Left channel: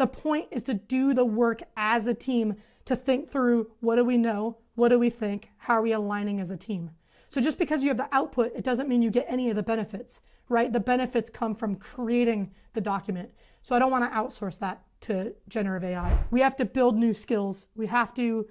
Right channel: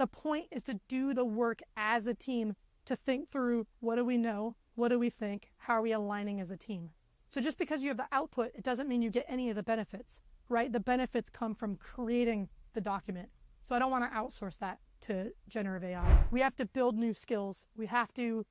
The point is to do the work as a team to think through, what do we know? What do we think? How are we aligning as a team? So just because you have the output, it doesn't mean you get any of the benefits, right? The benefits come from creating the document. So I don't want to outsource that to generative AI. We have to build new skills. We have to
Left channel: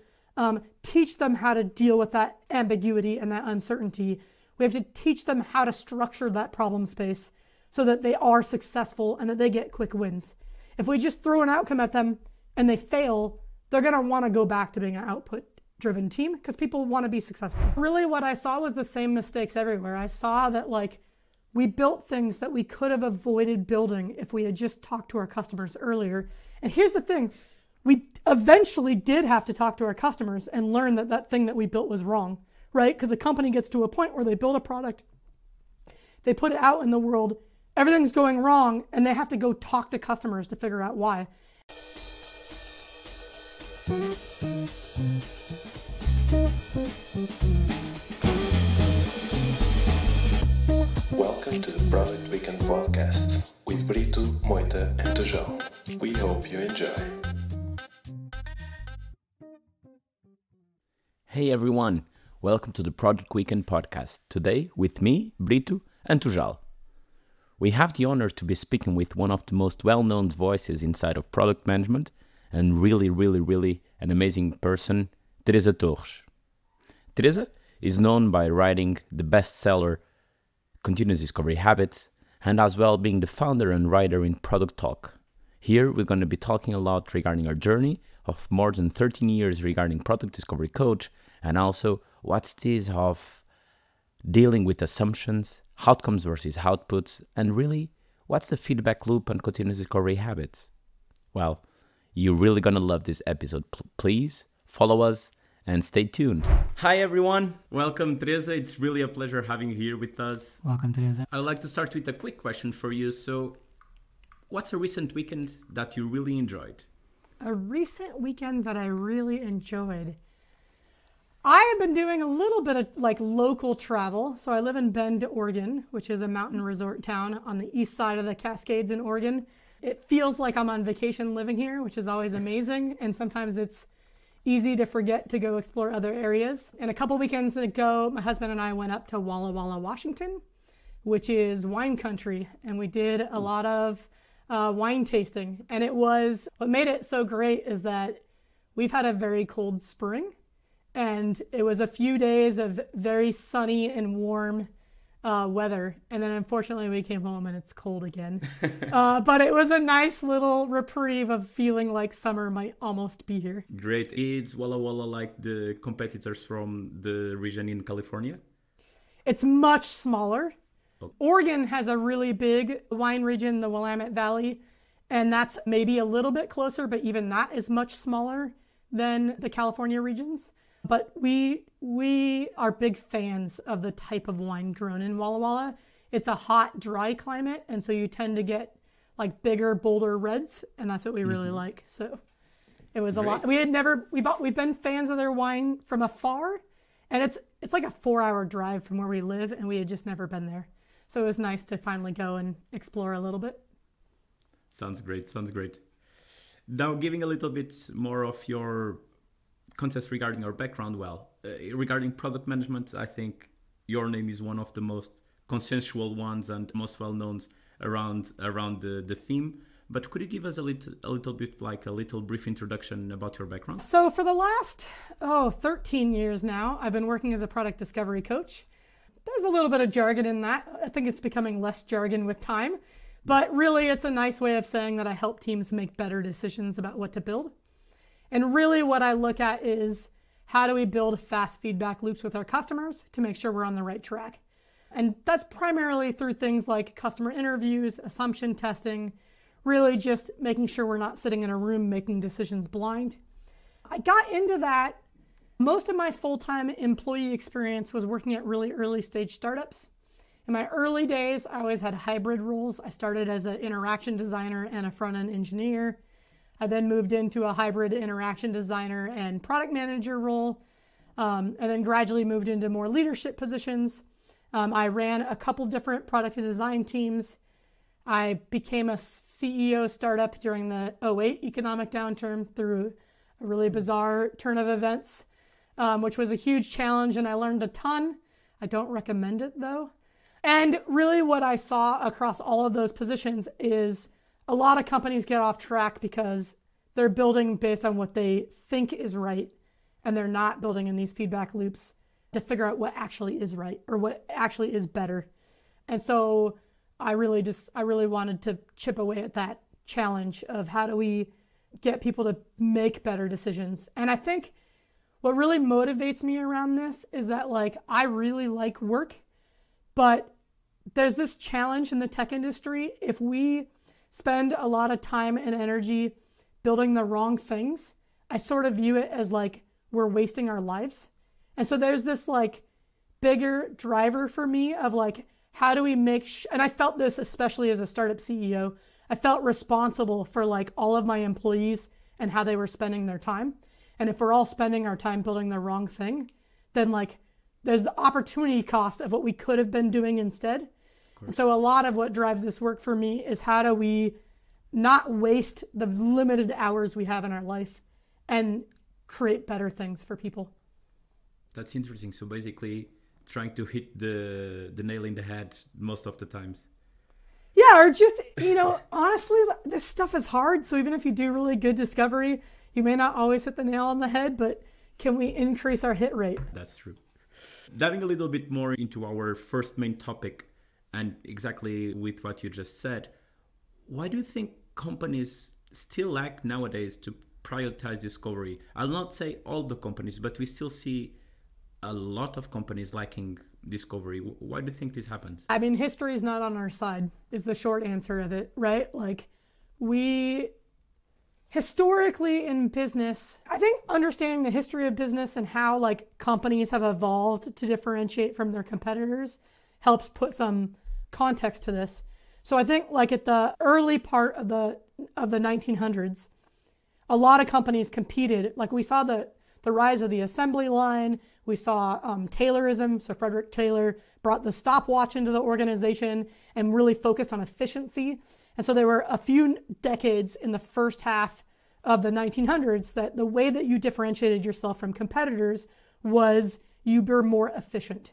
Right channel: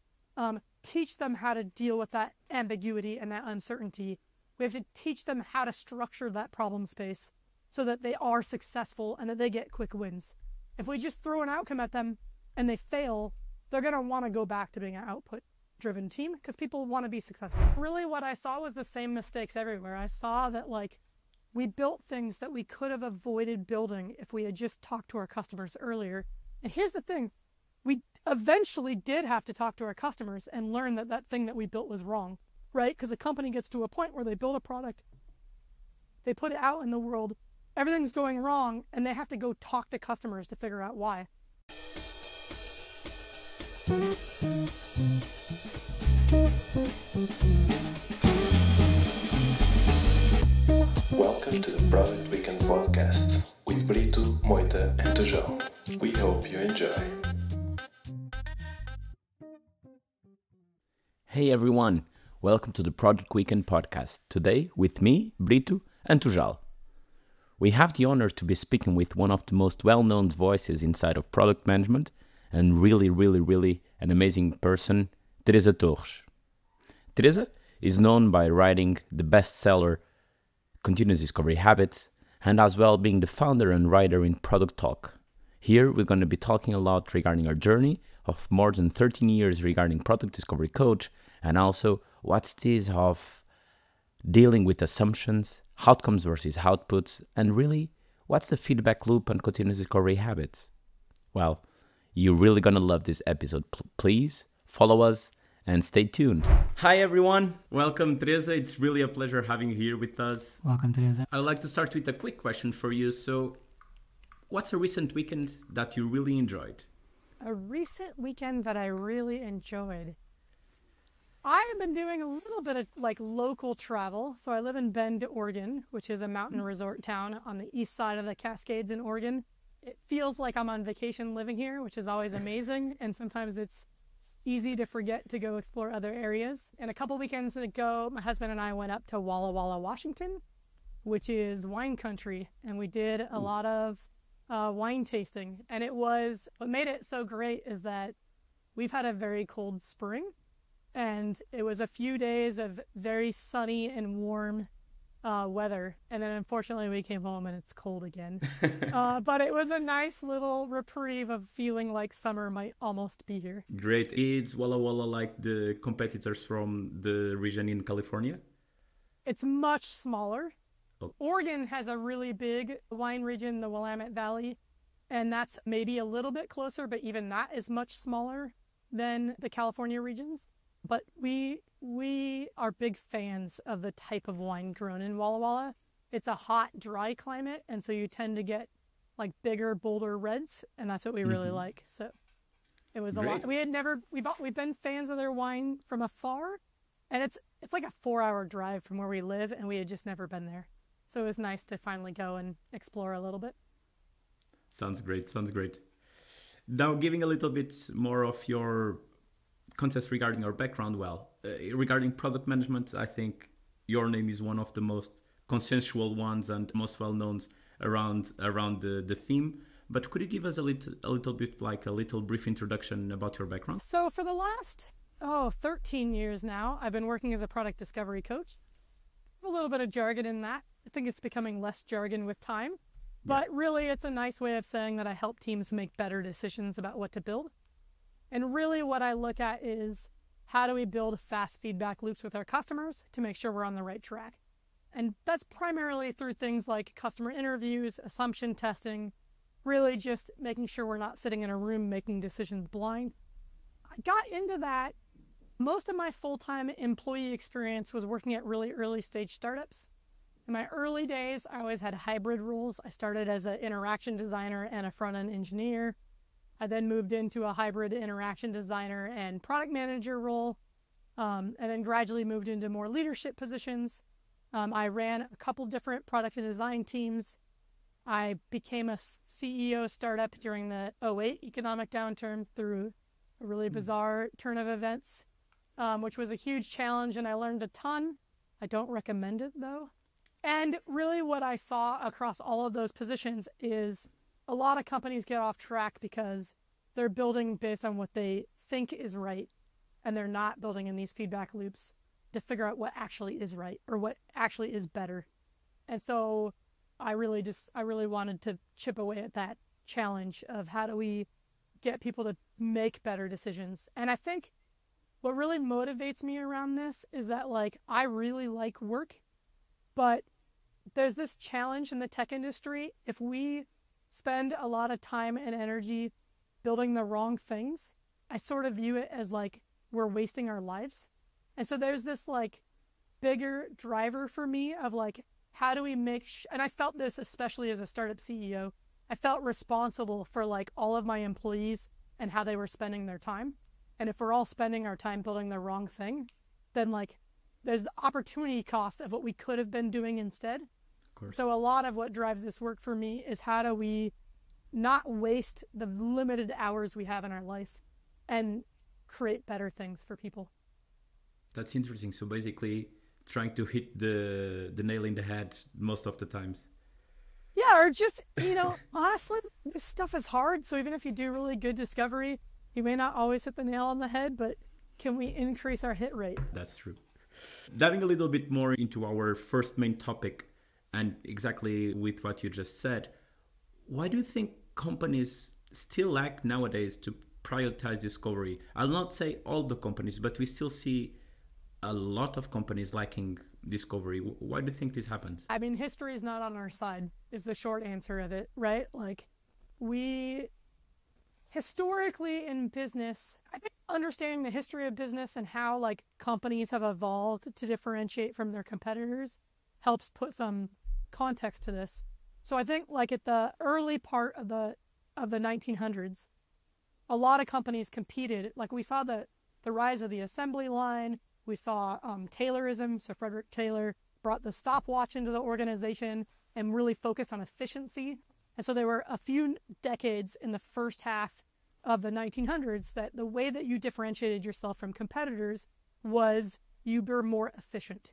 teach them how to deal with that ambiguity and that uncertainty. We have to teach them how to structure that problem space so that they are successful and that they get quick wins. If we just throw an outcome at them and they fail, they're going to want to go back to being an output-driven team because people want to be successful. Really what I saw was the same mistakes everywhere. I saw that we built things that we could have avoided building if we had just talked to our customers earlier. And here's the thing, we eventually did have to talk to our customers and learn that that thing that we built was wrong, right? Because a company gets to a point where they build a product, they put it out in the world, everything's going wrong, and they have to go talk to customers to figure out why. Welcome to the Product Weekend podcast with Brito, Moita, and Tojal. We hope you enjoy. Hey everyone, welcome to the Product Weekend podcast. Today with me, Brito, and Tojal. We have the honor to be speaking with one of the most well-known voices inside of product management and really an amazing person, Teresa Torres. Teresa is known by writing the bestseller Continuous Discovery Habits and as well being the founder and writer in Product Talk. Here we're going to be talking a lot regarding our journey of more than 13 years regarding product discovery coach and also what's this of dealing with assumptions, outcomes versus outputs, and really what's the feedback loop on continuous discovery habits. Well, you're really going to love this episode. Please follow us and stay tuned. Hi everyone, welcome Teresa. It's really a pleasure having you here with us. Welcome, Teresa. I'd like to start with a quick question for you. So, what's a recent weekend that you really enjoyed? A recent weekend that I really enjoyed. I have been doing a little bit of local travel. So I live in Bend, Oregon, which is a mountain resort town on the east side of the Cascades in Oregon. It feels like I'm on vacation living here, which is always amazing. And sometimes it's easy to forget to go explore other areas. And a couple weekends ago, my husband and I went up to Walla Walla, Washington, which is wine country. And we did a lot of wine tasting. And what made it so great is that we've had a very cold spring. And it was a few days of very sunny and warm weather. And then unfortunately we came home and it's cold again. But it was a nice little reprieve of feeling like summer might almost be here. Great. Is Walla Walla like the competitors from the region in California? It's much smaller. Oh. Oregon has a really big wine region, the Willamette Valley. And that's maybe a little bit closer, but even that is much smaller than the California regions. But we are big fans of the type of wine grown in Walla Walla. It's a hot, dry climate, and so you tend to get bigger, bolder reds, and that's what we really like. So it was a lot. We've been fans of their wine from afar, and it's like a 4-hour drive from where we live, and we had just never been there. So it was nice to finally go and explore a little bit. Sounds great. Now, giving a little bit more of your context regarding our background, regarding product management, I think your name is one of the most consensual ones and most well-known around the theme. But could you give us a little bit, a little brief introduction about your background? So for the last 13 years now, I've been working as a product discovery coach. There's a little bit of jargon in that. I think it's becoming less jargon with time. But really, it's a nice way of saying that I help teams make better decisions about what to build. And really what I look at is how do we build fast feedback loops with our customers to make sure we're on the right track. And that's primarily through things like customer interviews, assumption testing, really just making sure we're not sitting in a room making decisions blind. I got into that. Most of my full-time employee experience was working at really early stage startups. In my early days, I always had hybrid roles. I started as an interaction designer and a front-end engineer. I then moved into a hybrid interaction designer and product manager role, and then gradually moved into more leadership positions. I ran a couple different product and design teams, I became a CEO startup during the '08 economic downturn through a really bizarre turn of events, which was a huge challenge, and I learned a ton. I don't recommend it though. And really what I saw across all of those positions is a lot of companies get off track because they're building based on what they think is right, and they're not building in these feedback loops to figure out what actually is right or what actually is better. And so I really wanted to chip away at that challenge of how do we get people to make better decisions. And I think what really motivates me around this is that, like, I really like work, but there's this challenge in the tech industry. If we spend a lot of time and energy building the wrong things, I sort of view it as like we're wasting our lives. And so there's this like bigger driver for me of like, how do we make, and I felt this especially as a startup CEO, I felt responsible for like all of my employees and how they were spending their time. And if we're all spending our time building the wrong thing, then like there's the opportunity cost of what we could have been doing instead. So a lot of what drives this work for me is how do we not waste the limited hours we have in our life and create better things for people. That's interesting. So basically trying to hit the nail in the head most of the times. Yeah, or just, honestly, this stuff is hard. So even if you do really good discovery, you may not always hit the nail on the head, but can we increase our hit rate? That's true. Diving a little bit more into our first main topic, and exactly with what you just said, why do you think companies still lack nowadays to prioritize discovery? I'll not say all the companies, but we still see a lot of companies lacking discovery. Why do you think this happens? I mean, history is not on our side, is the short answer of it, right? Like, we historically in business, I think understanding the history of business and how like companies have evolved to differentiate from their competitors helps put some context to this. So I think like at the early part of the 1900s, a lot of companies competed. Like we saw the rise of the assembly line. We saw Taylorism. So Frederick Taylor brought the stopwatch into the organization and really focused on efficiency. And so there were a few decades in the first half of the 1900s that the way that you differentiated yourself from competitors was you were more efficient.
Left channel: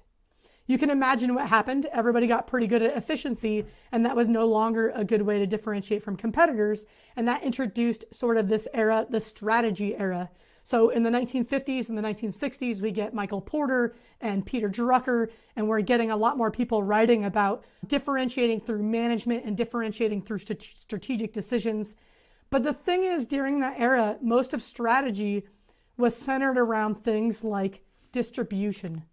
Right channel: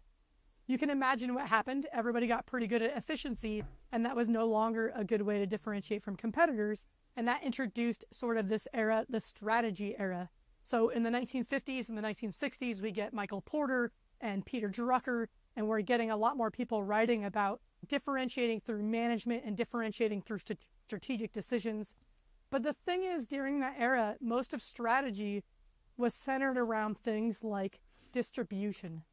You can imagine what happened. Everybody got pretty good at efficiency, and that was no longer a good way to differentiate from competitors. And that introduced sort of this era, the strategy era. So in the 1950s and the 1960s, we get Michael Porter and Peter Drucker, and we're getting a lot more people writing about differentiating through management and differentiating through strategic decisions. But the thing is, during that era, most of strategy was centered around things like distribution.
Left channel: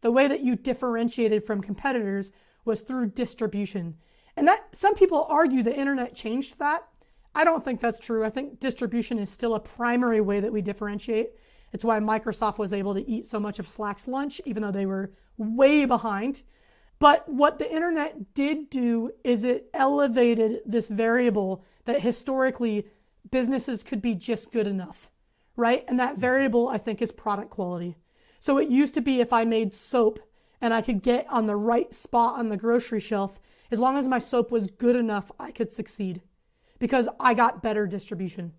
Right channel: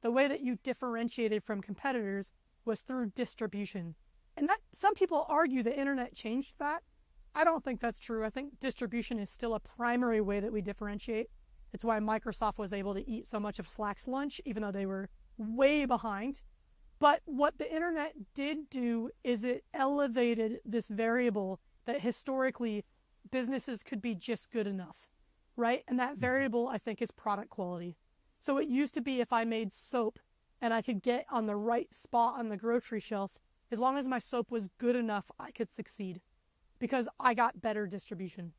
The way that you differentiated from competitors was through distribution. And that some people argue the internet changed that. I don't think that's true. I think distribution is still a primary way that we differentiate. It's why Microsoft was able to eat so much of Slack's lunch, even though they were way behind. But what the internet did do is it elevated this variable that historically businesses could be just good enough, right? And that variable, I think, is product quality. So it used to be if I made soap and I could get on the right spot on the grocery shelf, as long as my soap was good enough, I could succeed because I got better distribution.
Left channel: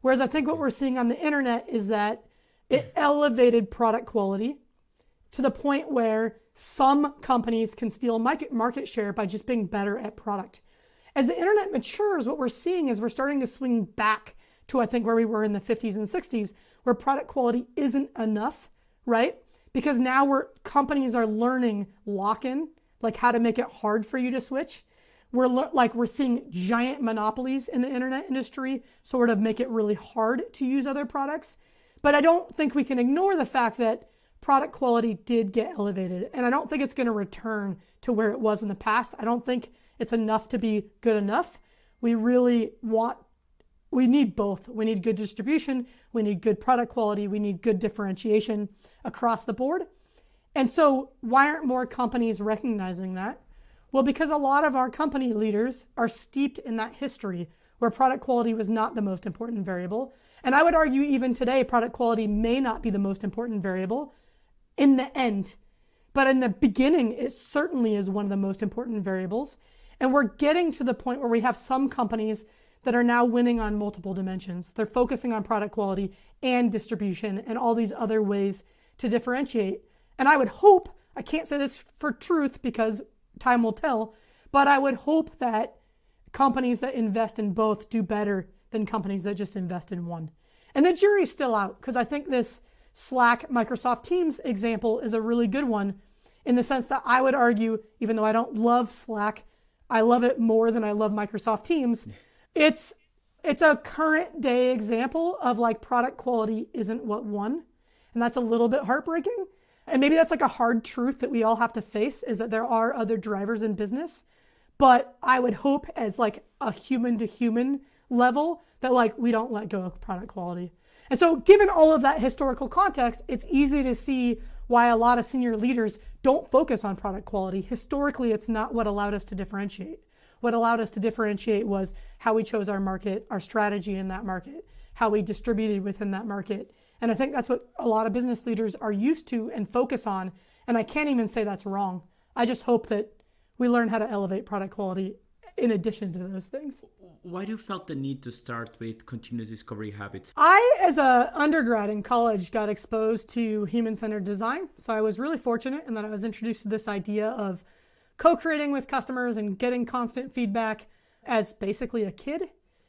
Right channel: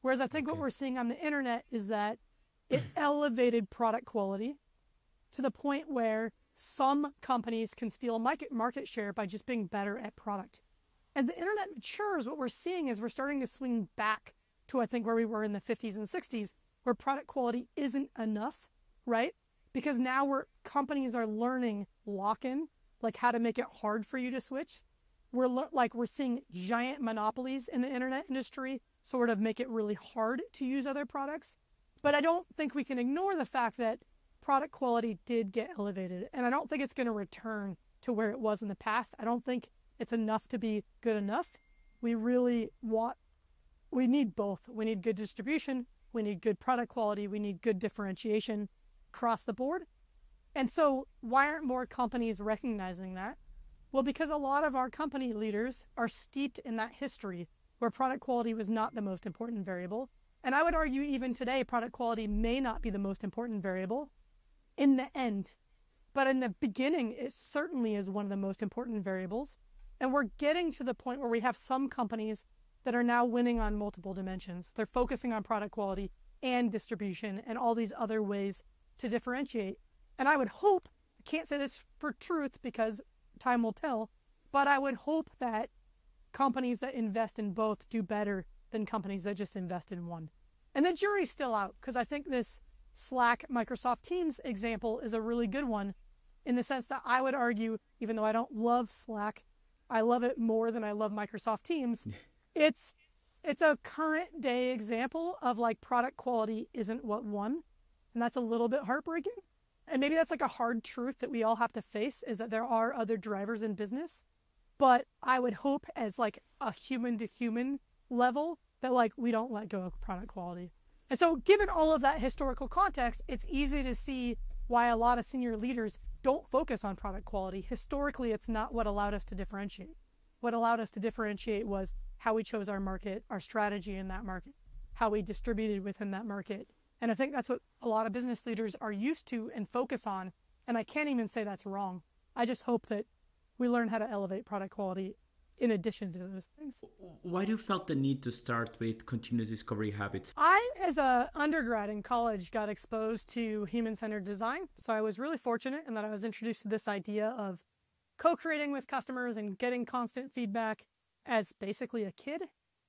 Whereas I think what we're seeing on the internet is that it elevated product quality to the point where some companies can steal market share by just being better at product. As the internet matures, what we're seeing is we're starting to swing back to, I think, where we were in the 50s and 60s, where product quality isn't enough, right? Because now companies are learning lock-in, like how to make it hard for you to switch. We're seeing giant monopolies in the internet industry sort of make it really hard to use other products. But I don't think we can ignore the fact that product quality did get elevated. And I don't think it's going to return to where it was in the past. I don't think it's enough to be good enough. We need both. We need good distribution. We need good product quality. We need good differentiation across the board. And so why aren't more companies recognizing that? Well, because a lot of our company leaders are steeped in that history where product quality was not the most important variable. And I would argue even today, product quality may not be the most important variable in the end. But in the beginning, it certainly is one of the most important variables. And we're getting to the point where we have some companies that are now winning on multiple dimensions. They're focusing on product quality and distribution and all these other ways to differentiate. And I would hope, I can't say this for truth because time will tell, but I would hope that companies that invest in both do better than companies that just invest in one. And the jury's still out, because I think this Slack, Microsoft Teams example is a really good one, in the sense that I would argue, even though I don't love Slack, I love it more than I love Microsoft Teams. It's a current day example of like product quality isn't what won. And that's a little bit heartbreaking. And maybe that's like a hard truth that we all have to face, is that there are other drivers in business. But I would hope, as like a human to human level, that like we don't let go of product quality. And so given all of that historical context, it's easy to see why a lot of senior leaders don't focus on product quality. Historically, it's not what allowed us to differentiate. What allowed us to differentiate was how we chose our market, our strategy in that market, how we distributed within that market. And I think that's what a lot of business leaders are used to and focus on. And I can't even say that's wrong. I just hope that we learn how to elevate product quality in addition to those things. Why do you felt the need to start with continuous discovery habits? I, as an undergrad in college, got exposed to human-centered design. So I was really fortunate in that I was introduced to this idea of co-creating with customers and getting constant feedback as basically a kid.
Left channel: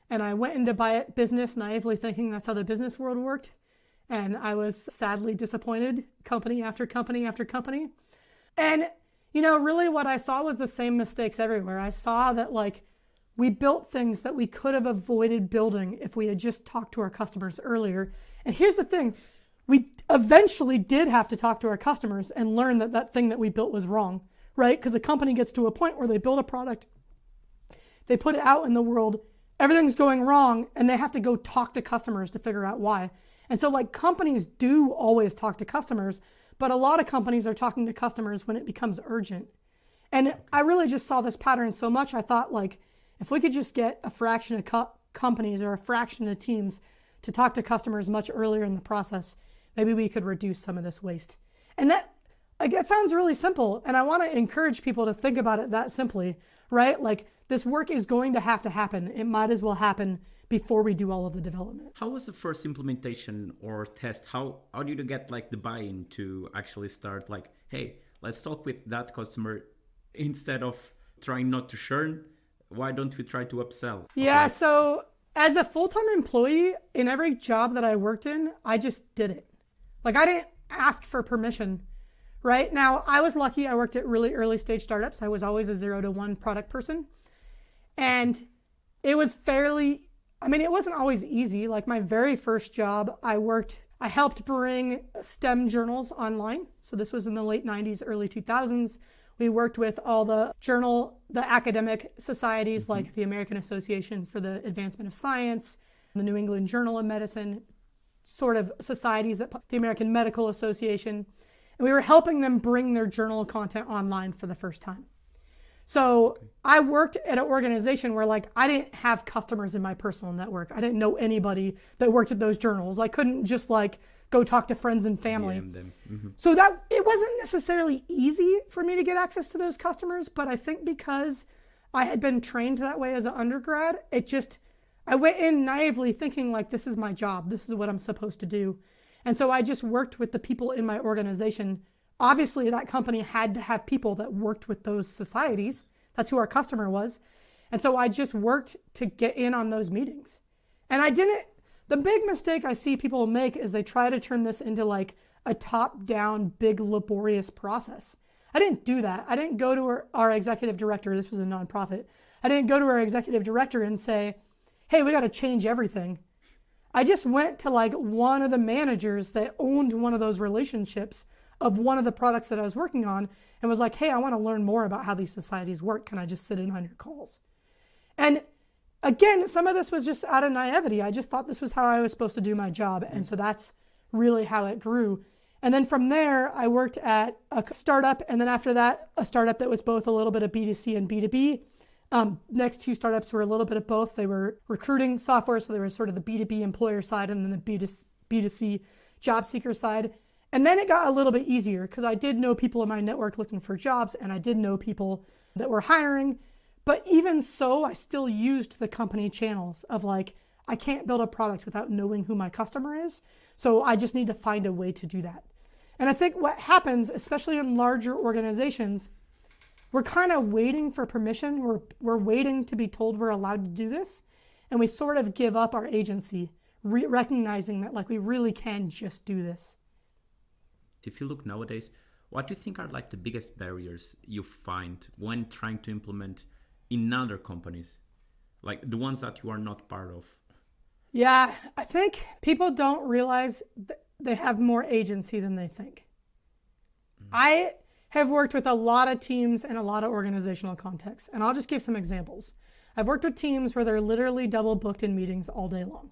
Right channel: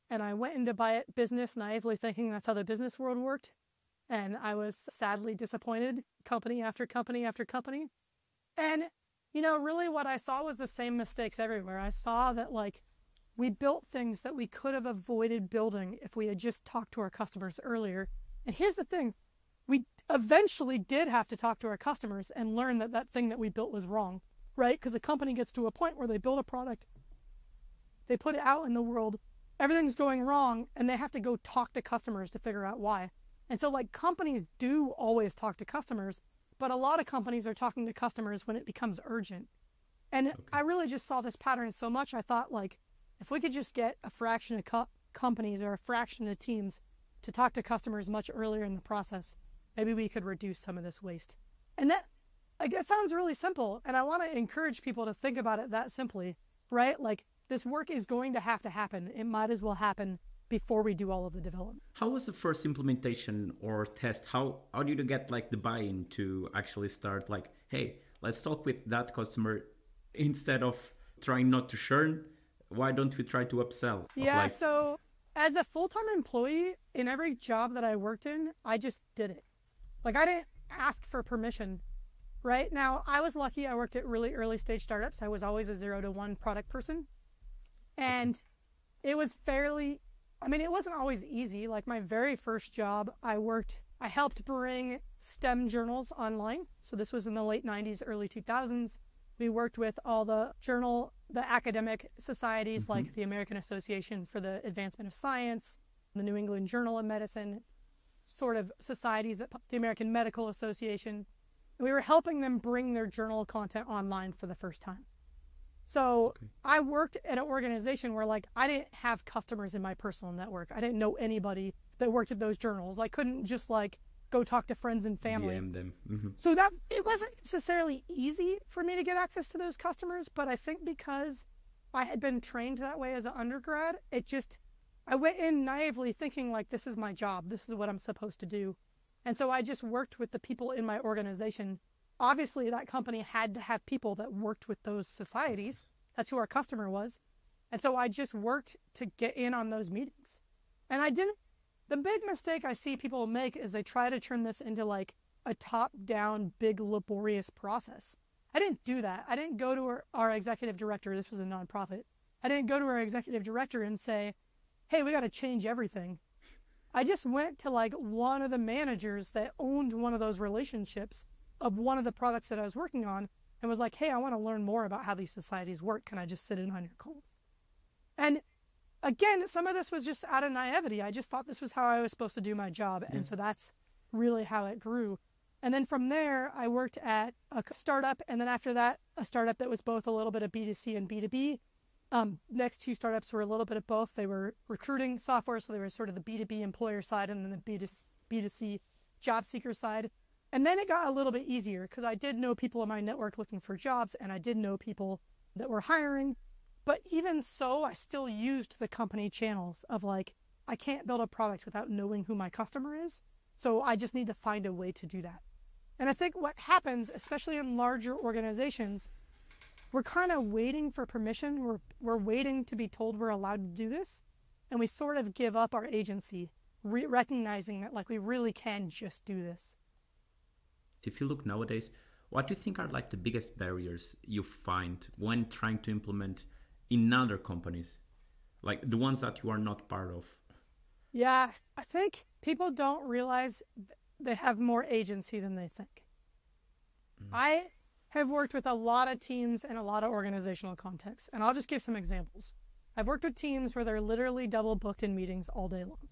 And I went into business naively thinking that's how the business world worked. And I was sadly disappointed, company after company after company. And you know, really what I saw was the same mistakes everywhere. I saw that like we built things that we could have avoided building if we had just talked to our customers earlier. And here's the thing, we eventually did have to talk to our customers and learn that that thing that we built was wrong, right? Because a company gets to a point where they build a product, they put it out in the world, everything's going wrong, and they have to go talk to customers to figure out why. And so like companies do always talk to customers, but a lot of companies are talking to customers when it becomes urgent. And I really just saw this pattern so much. I thought like, if we could just get a fraction of companies or a fraction of teams to talk to customers much earlier in the process, maybe we could reduce some of this waste. And that, like, it sounds really simple. And I want to encourage people to think about it that simply, right? Like this work is going to happen. It might as well happen before we do all of the development. How was the first implementation or test? How did you get like the buy-in to actually start like, hey, let's talk with that customer instead of trying not to churn? Why don't we try to upsell? Yeah, so as a full-time employee, in every job that I worked in, I just did it. Like I didn't ask for permission, right? Now, I was lucky. I worked at really early stage startups. I was always a 0 to 1 product person. And it was it wasn't always easy. Like my very first job, I helped bring STEM journals online. So this was in the late 90s, early 2000s. We worked with all the academic societies like the American Association for the Advancement of Science, the New England Journal of Medicine, sort of societies, the American Medical Association. And we were helping them bring their journal content online for the first time. So I worked at an organization where like I didn't have customers in my personal network. I didn't know anybody that worked at those journals. I couldn't just like go talk to friends and family. DM them. So that it wasn't necessarily easy for me to get access to those customers, but I think because I had been trained that way as an undergrad, I went in naively thinking like, this is my job. This is what I'm supposed to do. And so I just worked with the people in my organization. Obviously, that company had to have people that worked with those societies. That's who our customer was. And so I just worked to get in on those meetings. And the big mistake I see people make is they try to turn this into like a top-down, big, laborious process. I didn't do that. I didn't go to our executive director. This was a nonprofit. I didn't go to our executive director and say, hey, we got to change everything. I just went to like one of the managers that owned one of those relationships of one of the products that I was working on and was like, hey, I want to learn more about how these societies work. Can I just sit in on your calls? And again, some of this was just out of naivety. I just thought this was how I was supposed to do my job. And so that's really how it grew. And then from there, I worked at a startup. And then after that, a startup that was both a little bit of B2C and B2B. Next two startups were a little bit of both. They were recruiting software. So there was sort of the B2B employer side and then the B2C job seeker side. And then it got a little bit easier because I did know people in my network looking for jobs and I did know people that were hiring. But even so, I still used the company channels of like, I can't build a product without knowing who my customer is. So I just need to find a way to do that. And I think what happens, especially in larger organizations, we're kind of waiting for permission. We're waiting to be told we're allowed to do this. And we sort of give up our agency, recognizing that like we really can just do this. If you look nowadays, what do you think are like the biggest barriers you find when trying to implement in other companies, like the ones that you are not part of? Yeah, I think people don't realize they have more agency than they think. I have worked with a lot of teams and a lot of organizational contexts, and I'll just give some examples. I've worked with teams where they're literally double booked in meetings all day long.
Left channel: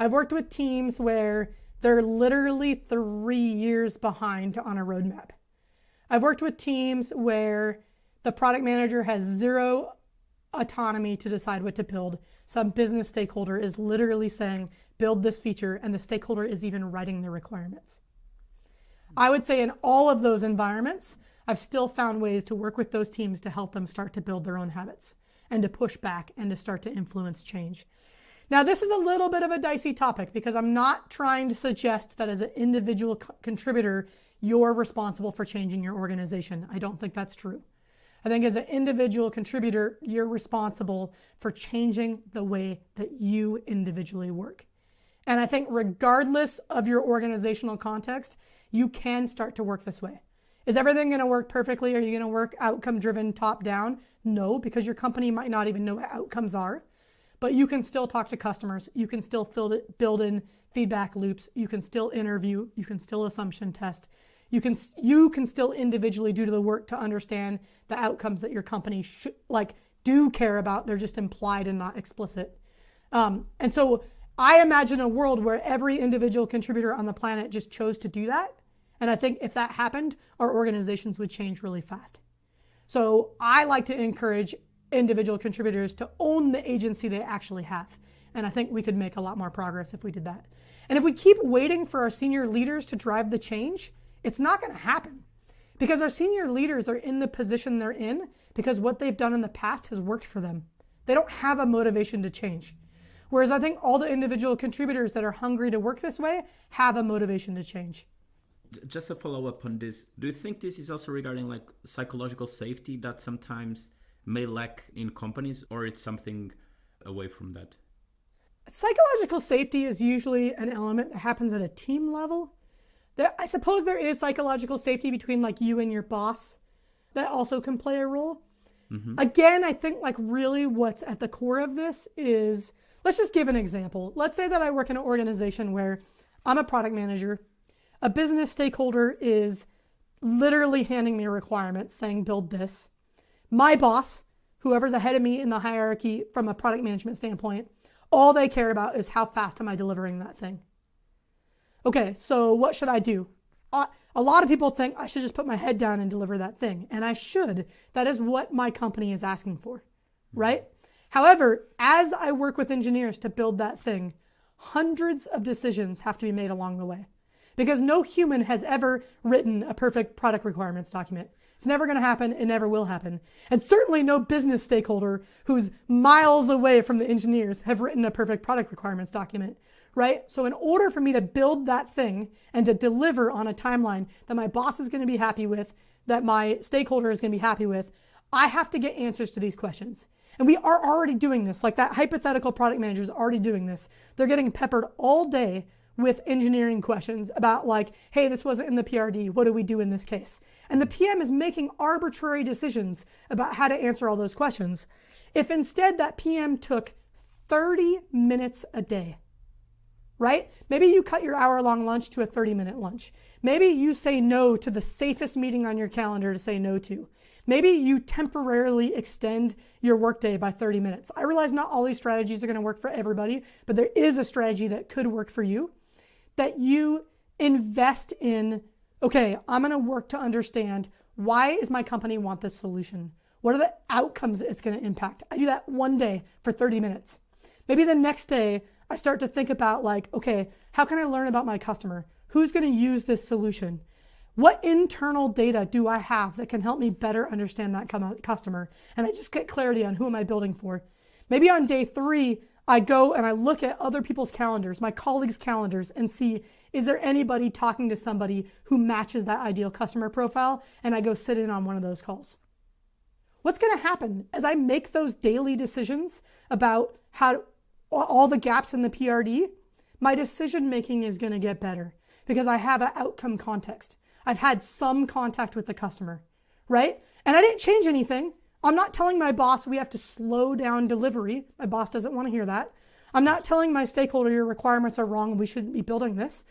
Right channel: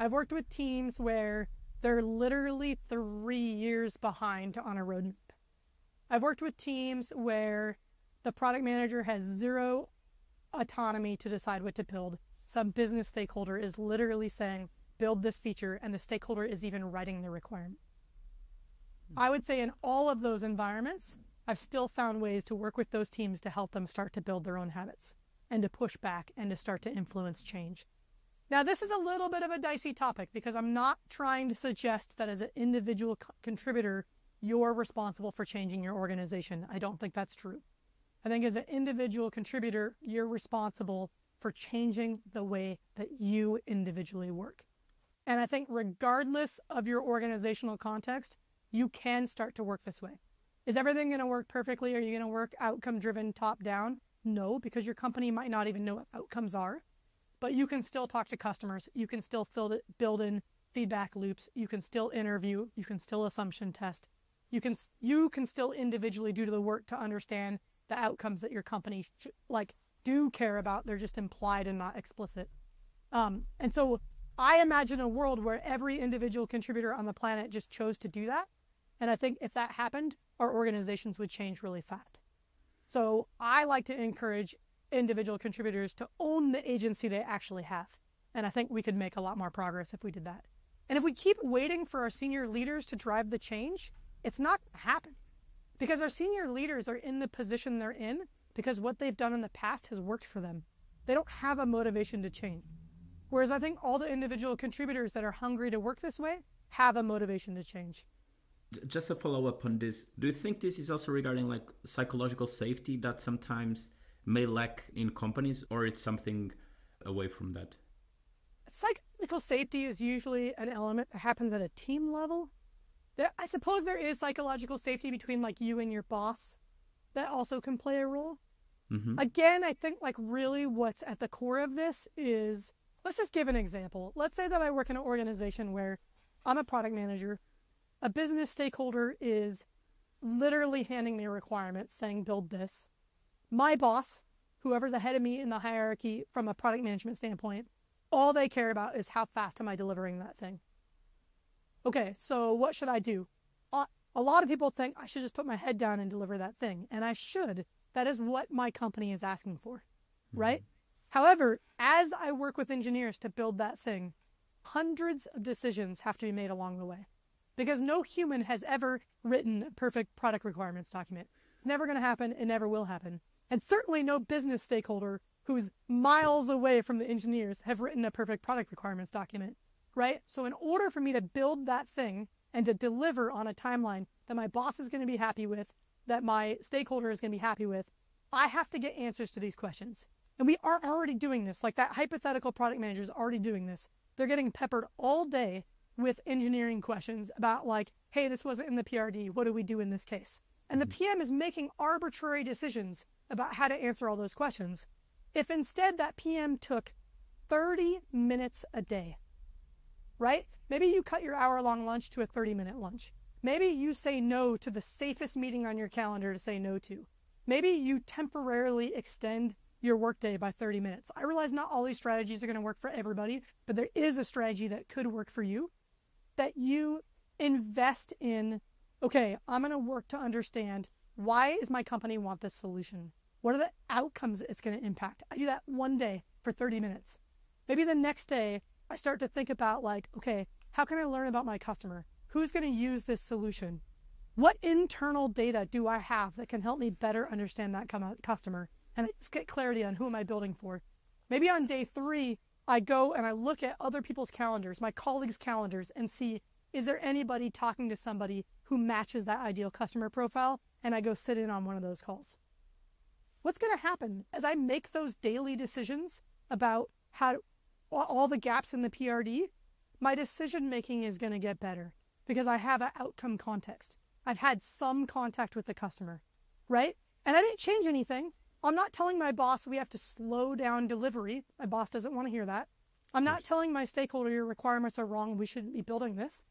I've worked with teams where they're literally 3 years behind on a roadmap. I've worked with teams where the product manager has zero autonomy to decide what to build. Some business stakeholder is literally saying, build this feature, and the stakeholder is even writing the requirements. I would say in all of those environments, I've still found ways to work with those teams to help them start to build their own habits and to push back and to start to influence change. Now, this is a little bit of a dicey topic because I'm not trying to suggest that as an individual contributor, you're responsible for changing your organization. I don't think that's true. I think as an individual contributor, you're responsible for changing the way that you individually work. And I think regardless of your organizational context, you can start to work this way. Is everything going to work perfectly? Are you going to work outcome-driven top-down? No, because your company might not even know what outcomes are. But you can still talk to customers. You can still build in feedback loops. You can still interview. You can still assumption test. You can still individually do the work to understand the outcomes that your company do care about. They're just implied and not explicit. And so I imagine a world where every individual contributor on the planet just chose to do that. And I think if that happened, our organizations would change really fast. So I like to encourage individual contributors to own the agency they actually have. And I think we could make a lot more progress if we did that. And if we keep waiting for our senior leaders to drive the change, it's not going to happen. Because our senior leaders are in the position they're in because what they've done in the past has worked for them. They don't have a motivation to change. Whereas I think all the individual contributors that are hungry to work this way have a motivation to change. Just a follow up on this. Do you think this is also regarding like psychological safety that sometimes may lack in companies, or it's something away from that? Psychological safety is usually an element that happens at a team level. I suppose there is psychological safety between like you and your boss that also can play a role. Mm-hmm. Again, I think like really what's at the core of this is, let's just give an example. Let's say that I work in an organization where I'm a product manager. A business stakeholder is literally handing me requirements saying, build this. My boss, whoever's ahead of me in the hierarchy from a product management standpoint, all they care about is how fast am I delivering that thing. Okay, so what should I do? A lot of people think I should just put my head down and deliver that thing. And I should. That is what my company is asking for, right? However, as I work with engineers to build that thing, hundreds of decisions have to be made along the way. Because no human has ever written a perfect product requirements document. It's never going to happen. It never will happen. And certainly no business stakeholder who's miles away from the engineers have written a perfect product requirements document, right? So in order for me to build that thing and to deliver on a timeline that my boss is going to be happy with, that my stakeholder is going to be happy with, I have to get answers to these questions. And we are already doing this. Like that hypothetical product manager is already doing this. They're getting peppered all day with engineering questions about like, hey, this wasn't in the PRD. What do we do in this case? And the PM is making arbitrary decisions about how to answer all those questions. If instead that PM took 30 minutes a day, right? Maybe you cut your hour-long lunch to a 30-minute lunch. Maybe you say no to the safest meeting on your calendar to say no to. Maybe you temporarily extend your workday by 30 minutes. I realize not all these strategies are going to work for everybody, but there is a strategy that could work for you. That you invest in, okay, I'm going to work to understand why does my company want this solution? What are the outcomes it's going to impact? I do that one day for 30 minutes. Maybe the next day I start to think about like, okay, how can I learn about my customer? Who's going to use this solution? What internal data do I have that can help me better understand that customer? And I just get clarity on who am I building for. Maybe on day 3, I go and I look at other people's calendars, my colleagues' calendars, and see, is there anybody talking to somebody who matches that ideal customer profile? And I go sit in on one of those calls. What's going to happen as I make those daily decisions about how all the gaps in the PRD? My decision making is going to get better because I have an outcome context. I've had some contact with the customer, right? And I didn't change anything. I'm not telling my boss we have to slow down delivery. My boss doesn't want to hear that. I'm not telling my stakeholder your requirements are wrong and we shouldn't be building this.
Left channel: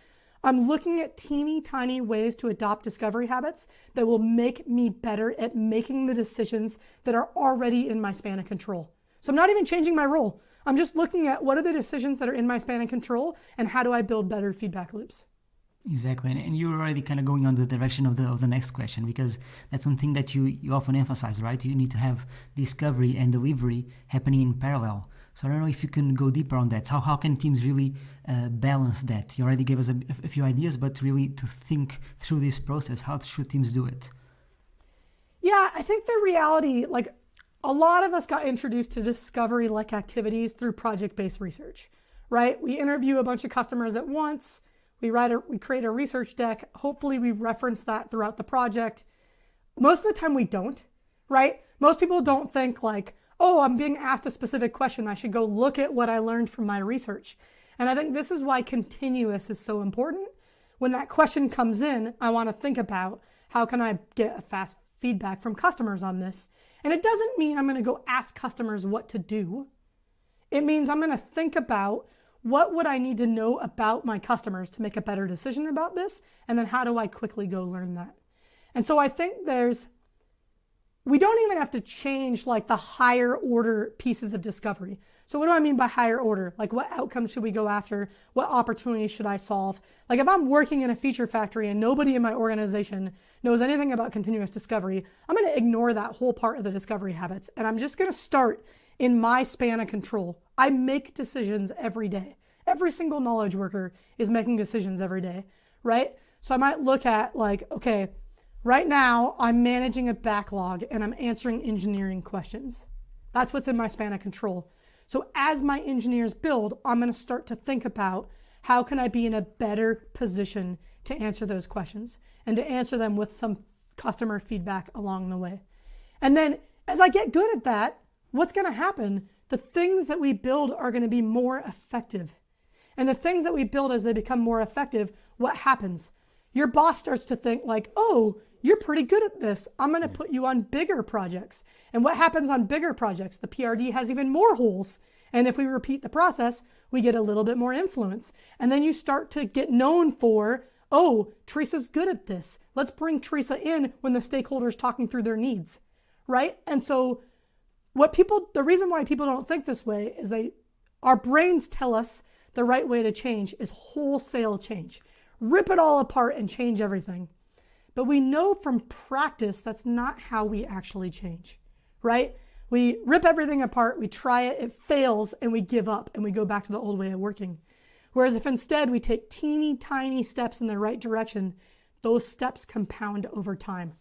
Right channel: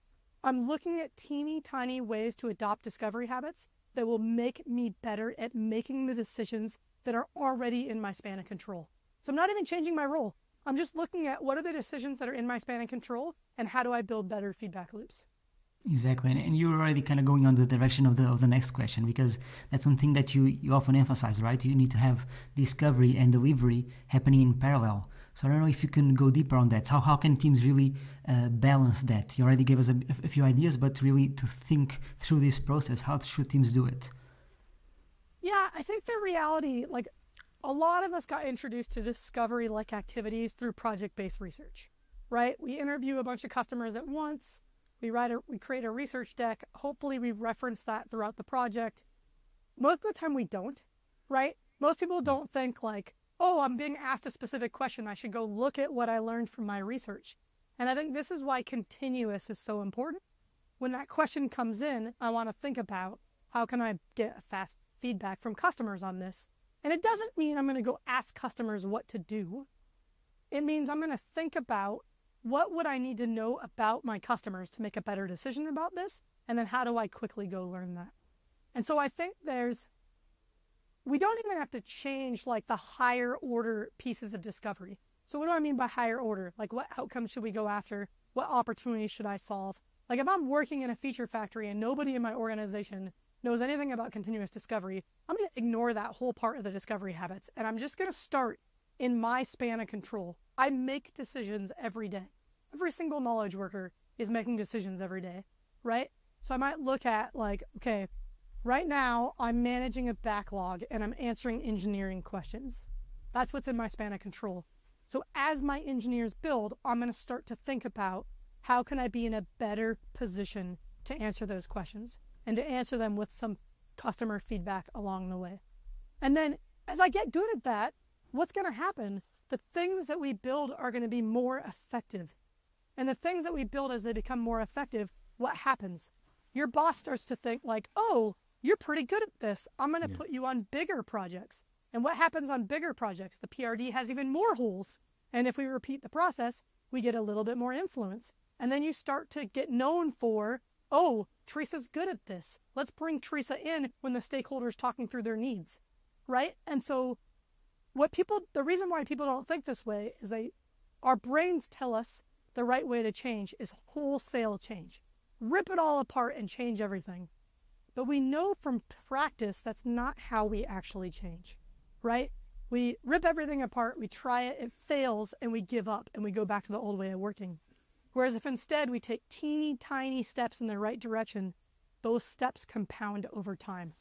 I'm looking at teeny tiny ways to adopt discovery habits that will make me better at making the decisions that are already in my span of control. So I'm not even changing my role. I'm just looking at what are the decisions that are in my span of control and how do I build better feedback loops. Exactly, and you're already kind of going on the direction of the next question, because that's one thing that you often emphasize, right? You need to have discovery and delivery happening in parallel. So I don't know if you can go deeper on that. How can teams really balance that? You already gave us a few ideas, but really to think through this process, how should teams do it? Yeah, I think the reality, like a lot of us got introduced to discovery-like activities through project-based research, right? We interview a bunch of customers at once. We create a research deck. Hopefully we reference that throughout the project. Most of the time we don't, right? Most people don't think like, oh, I'm being asked a specific question. I should go look at what I learned from my research. And I think this is why continuous is so important. When that question comes in, I want to think about how can I get a fast feedback from customers on this. And it doesn't mean I'm going to go ask customers what to do. It means I'm going to think about what would I need to know about my customers to make a better decision about this? And then how do I quickly go learn that? And so I think we don't even have to change like the higher order pieces of discovery. So what do I mean by higher order? Like what outcomes should we go after? What opportunities should I solve? Like if I'm working in a feature factory and nobody in my organization knows anything about continuous discovery, I'm going to ignore that whole part of the discovery habits. And I'm just going to start in my span of control. I make decisions every day. Every single knowledge worker is making decisions every day, right? So I might look at like, okay, right now I'm managing a backlog and I'm answering engineering questions. That's what's in my span of control. So as my engineers build, I'm going to start to think about how can I be in a better position to answer those questions and to answer them with some customer feedback along the way. And then as I get good at that, what's going to happen? The things that we build are going to be more effective. And the things that we build as they become more effective, what happens? Your boss starts to think like, oh, you're pretty good at this. I'm going to put you on bigger projects. And what happens on bigger projects? The PRD has even more holes. And if we repeat the process, we get a little bit more influence. And then you start to get known for, oh, Teresa's good at this. Let's bring Teresa in when the stakeholder's talking through their needs, right? And so the reason why people don't think this way is our brains tell us the right way to change is wholesale change. Rip it all apart and change everything. But we know from practice that's not how we actually change, right? We rip everything apart, we try it, it fails, and we give up and we go back to the old way of working. Whereas if instead we take teeny tiny steps in the right direction, those steps compound over time.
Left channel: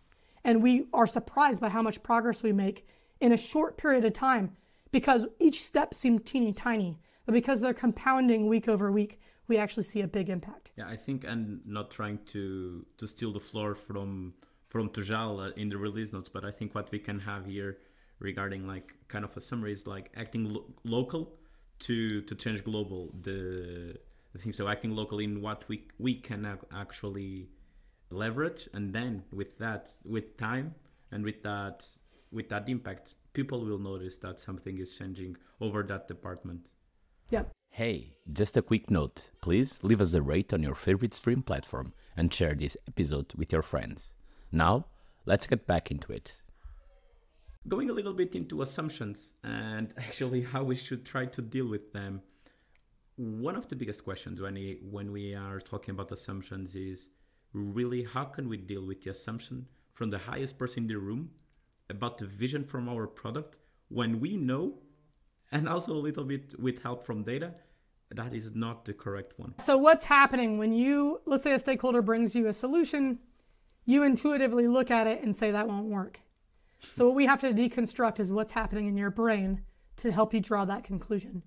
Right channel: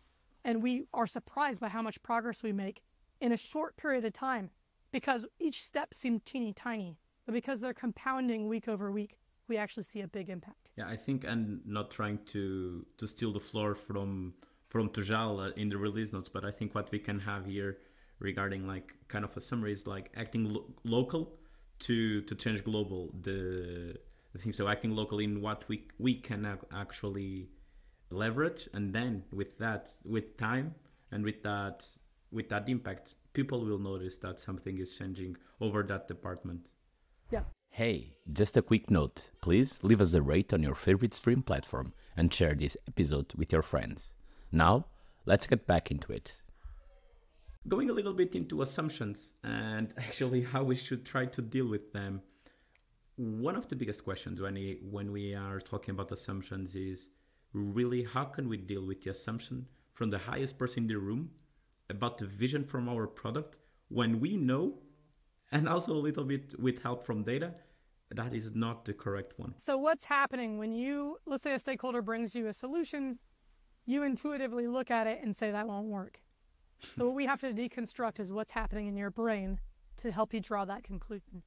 And we are surprised by how much progress we make in a short period of time because each step seemed teeny tiny, but because they're compounding week over week, we actually see a big impact. Yeah, I think, and not trying to steal the floor from Tojal in the release notes, but I think what we can have here regarding like kind of a summary is like acting local to change global. The thing, so acting local in what we can actually leverage, and then with time and with that impact, people will notice that something is changing over that department. Yeah. Hey, just a quick note. Please leave us a rate on your favorite stream platform and share this episode with your friends. Now, let's get back into it. Going a little bit into assumptions and actually how we should try to deal with them. One of the biggest questions when we are talking about assumptions is really how can we deal with the assumption from the highest person in the room about the vision from our product when we know, and also a little bit with help from data, that is not the correct one. So what's happening when let's say a stakeholder brings you a solution, you intuitively look at it and say that won't work. So what we have to deconstruct is what's happening in your brain to help you draw that conclusion.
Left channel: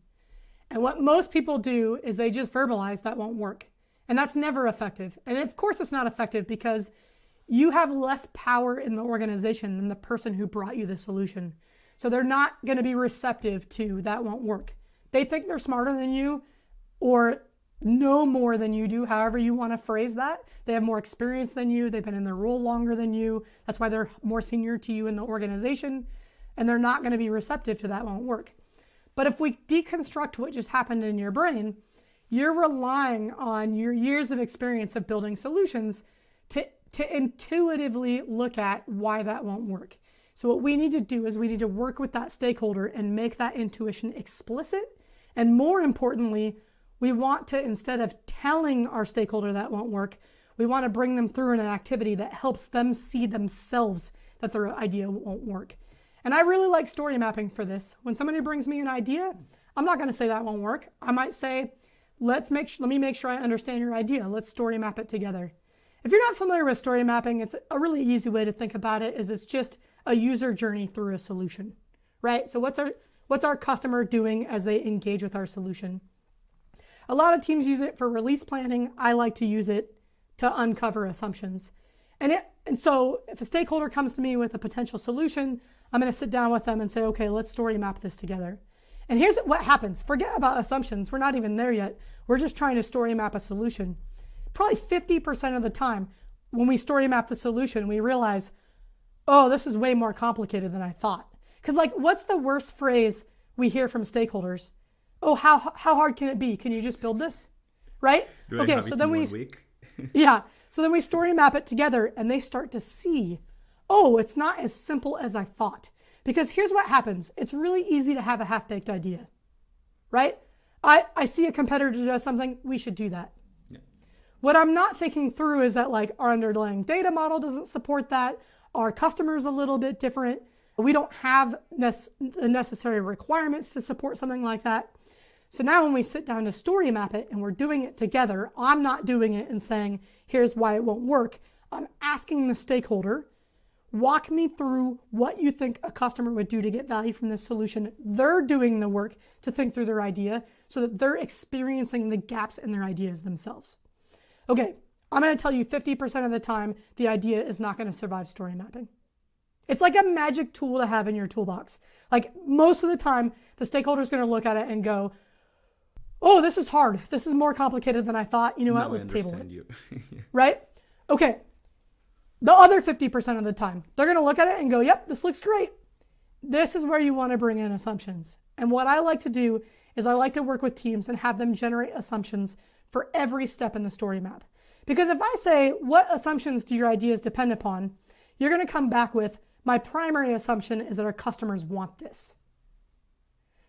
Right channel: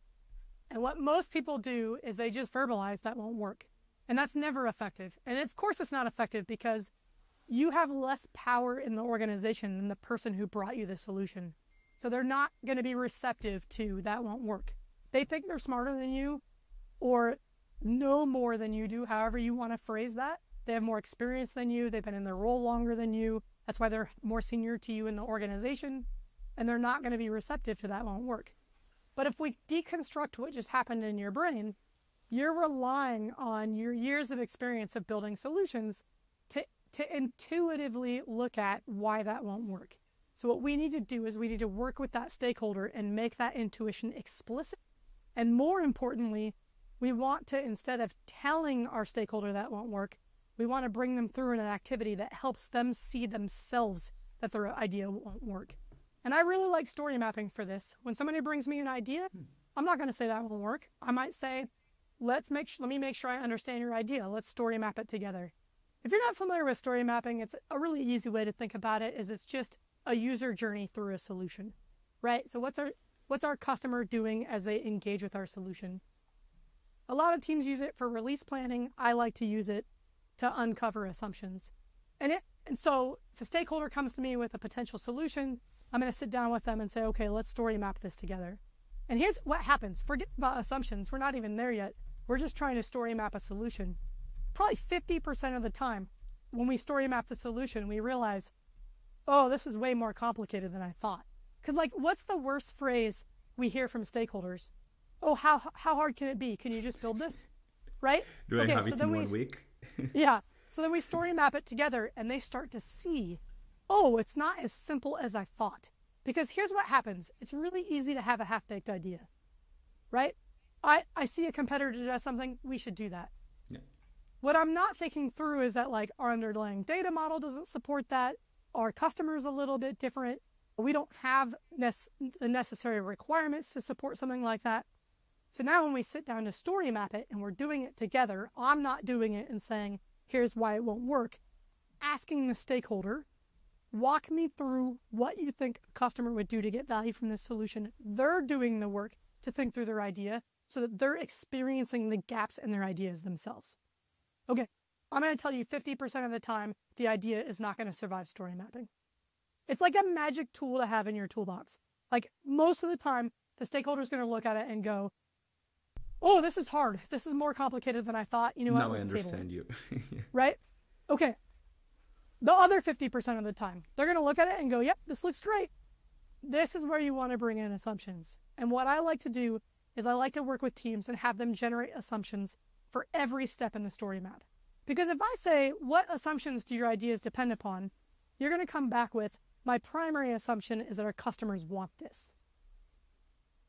And what most people do is they just verbalize that won't work. And that's never effective. And of course it's not effective because you have less power in the organization than the person who brought you the solution. So they're not going to be receptive to that won't work. They think they're smarter than you or know more than you do, however you want to phrase that. They have more experience than you. They've been in their role longer than you. That's why they're more senior to you in the organization. And they're not going to be receptive to that won't work. But if we deconstruct what just happened in your brain, you're relying on your years of experience of building solutions to intuitively look at why that won't work. So what we need to do is we need to work with that stakeholder and make that intuition explicit. And more importantly, we want to, instead of telling our stakeholder that won't work, we want to bring them through an activity that helps them see themselves that their idea won't work. And I really like story mapping for this. When somebody brings me an idea, I'm not going to say that won't work. I might say, let me make sure I understand your idea. Let's story map it together. If you're not familiar with story mapping, it's a really easy way to think about it is it's just a user journey through a solution, right? So what's our customer doing as they engage with our solution? A lot of teams use it for release planning. I like to use it to uncover assumptions. And so if a stakeholder comes to me with a potential solution, I'm going to sit down with them and say, okay, let's story map this together. And here's what happens. Forget about assumptions. We're not even there yet. We're just trying to story map a solution. Probably 50% of the time when we story map the solution, we realize, oh, this is way more complicated than I thought. Because like, what's the worst phrase we hear from stakeholders? Oh, how hard can it be? Can you just build this? Right? Do I have it in 1 week? Yeah. So then we story map it together and they start to see, oh, it's not as simple as I thought. Because here's what happens. It's really easy to have a half-baked idea, right? I see a competitor does something, we should do that. Yeah. What I'm not thinking through is that like our underlying data model doesn't support that. Our customer's a little bit different. We don't have the necessary requirements to support something like that. So now when we sit down to story map it and we're doing it together, I'm not doing it and saying, here's why it won't work. I'm asking the stakeholder, walk me through what you think a customer would do to get value from this solution. They're doing the work to think through their idea so that they're experiencing the gaps in their ideas themselves. Okay, I'm going to tell you 50% of the time, the idea is not going to survive story mapping. It's like a magic tool to have in your toolbox. Like most of the time, the stakeholder is going to look at it and go, oh, this is hard. This is more complicated than I thought. You know what? Let's table it. Now I understand you. Right? Okay. The other 50% of the time, they're going to look at it and go, yep, this looks great. This is where you want to bring in assumptions. And what I like to do is I like to work with teams and have them generate assumptions for every step in the story map. Because if I say, what assumptions do your ideas depend upon? You're going to come back with, my primary assumption is that our customers want this.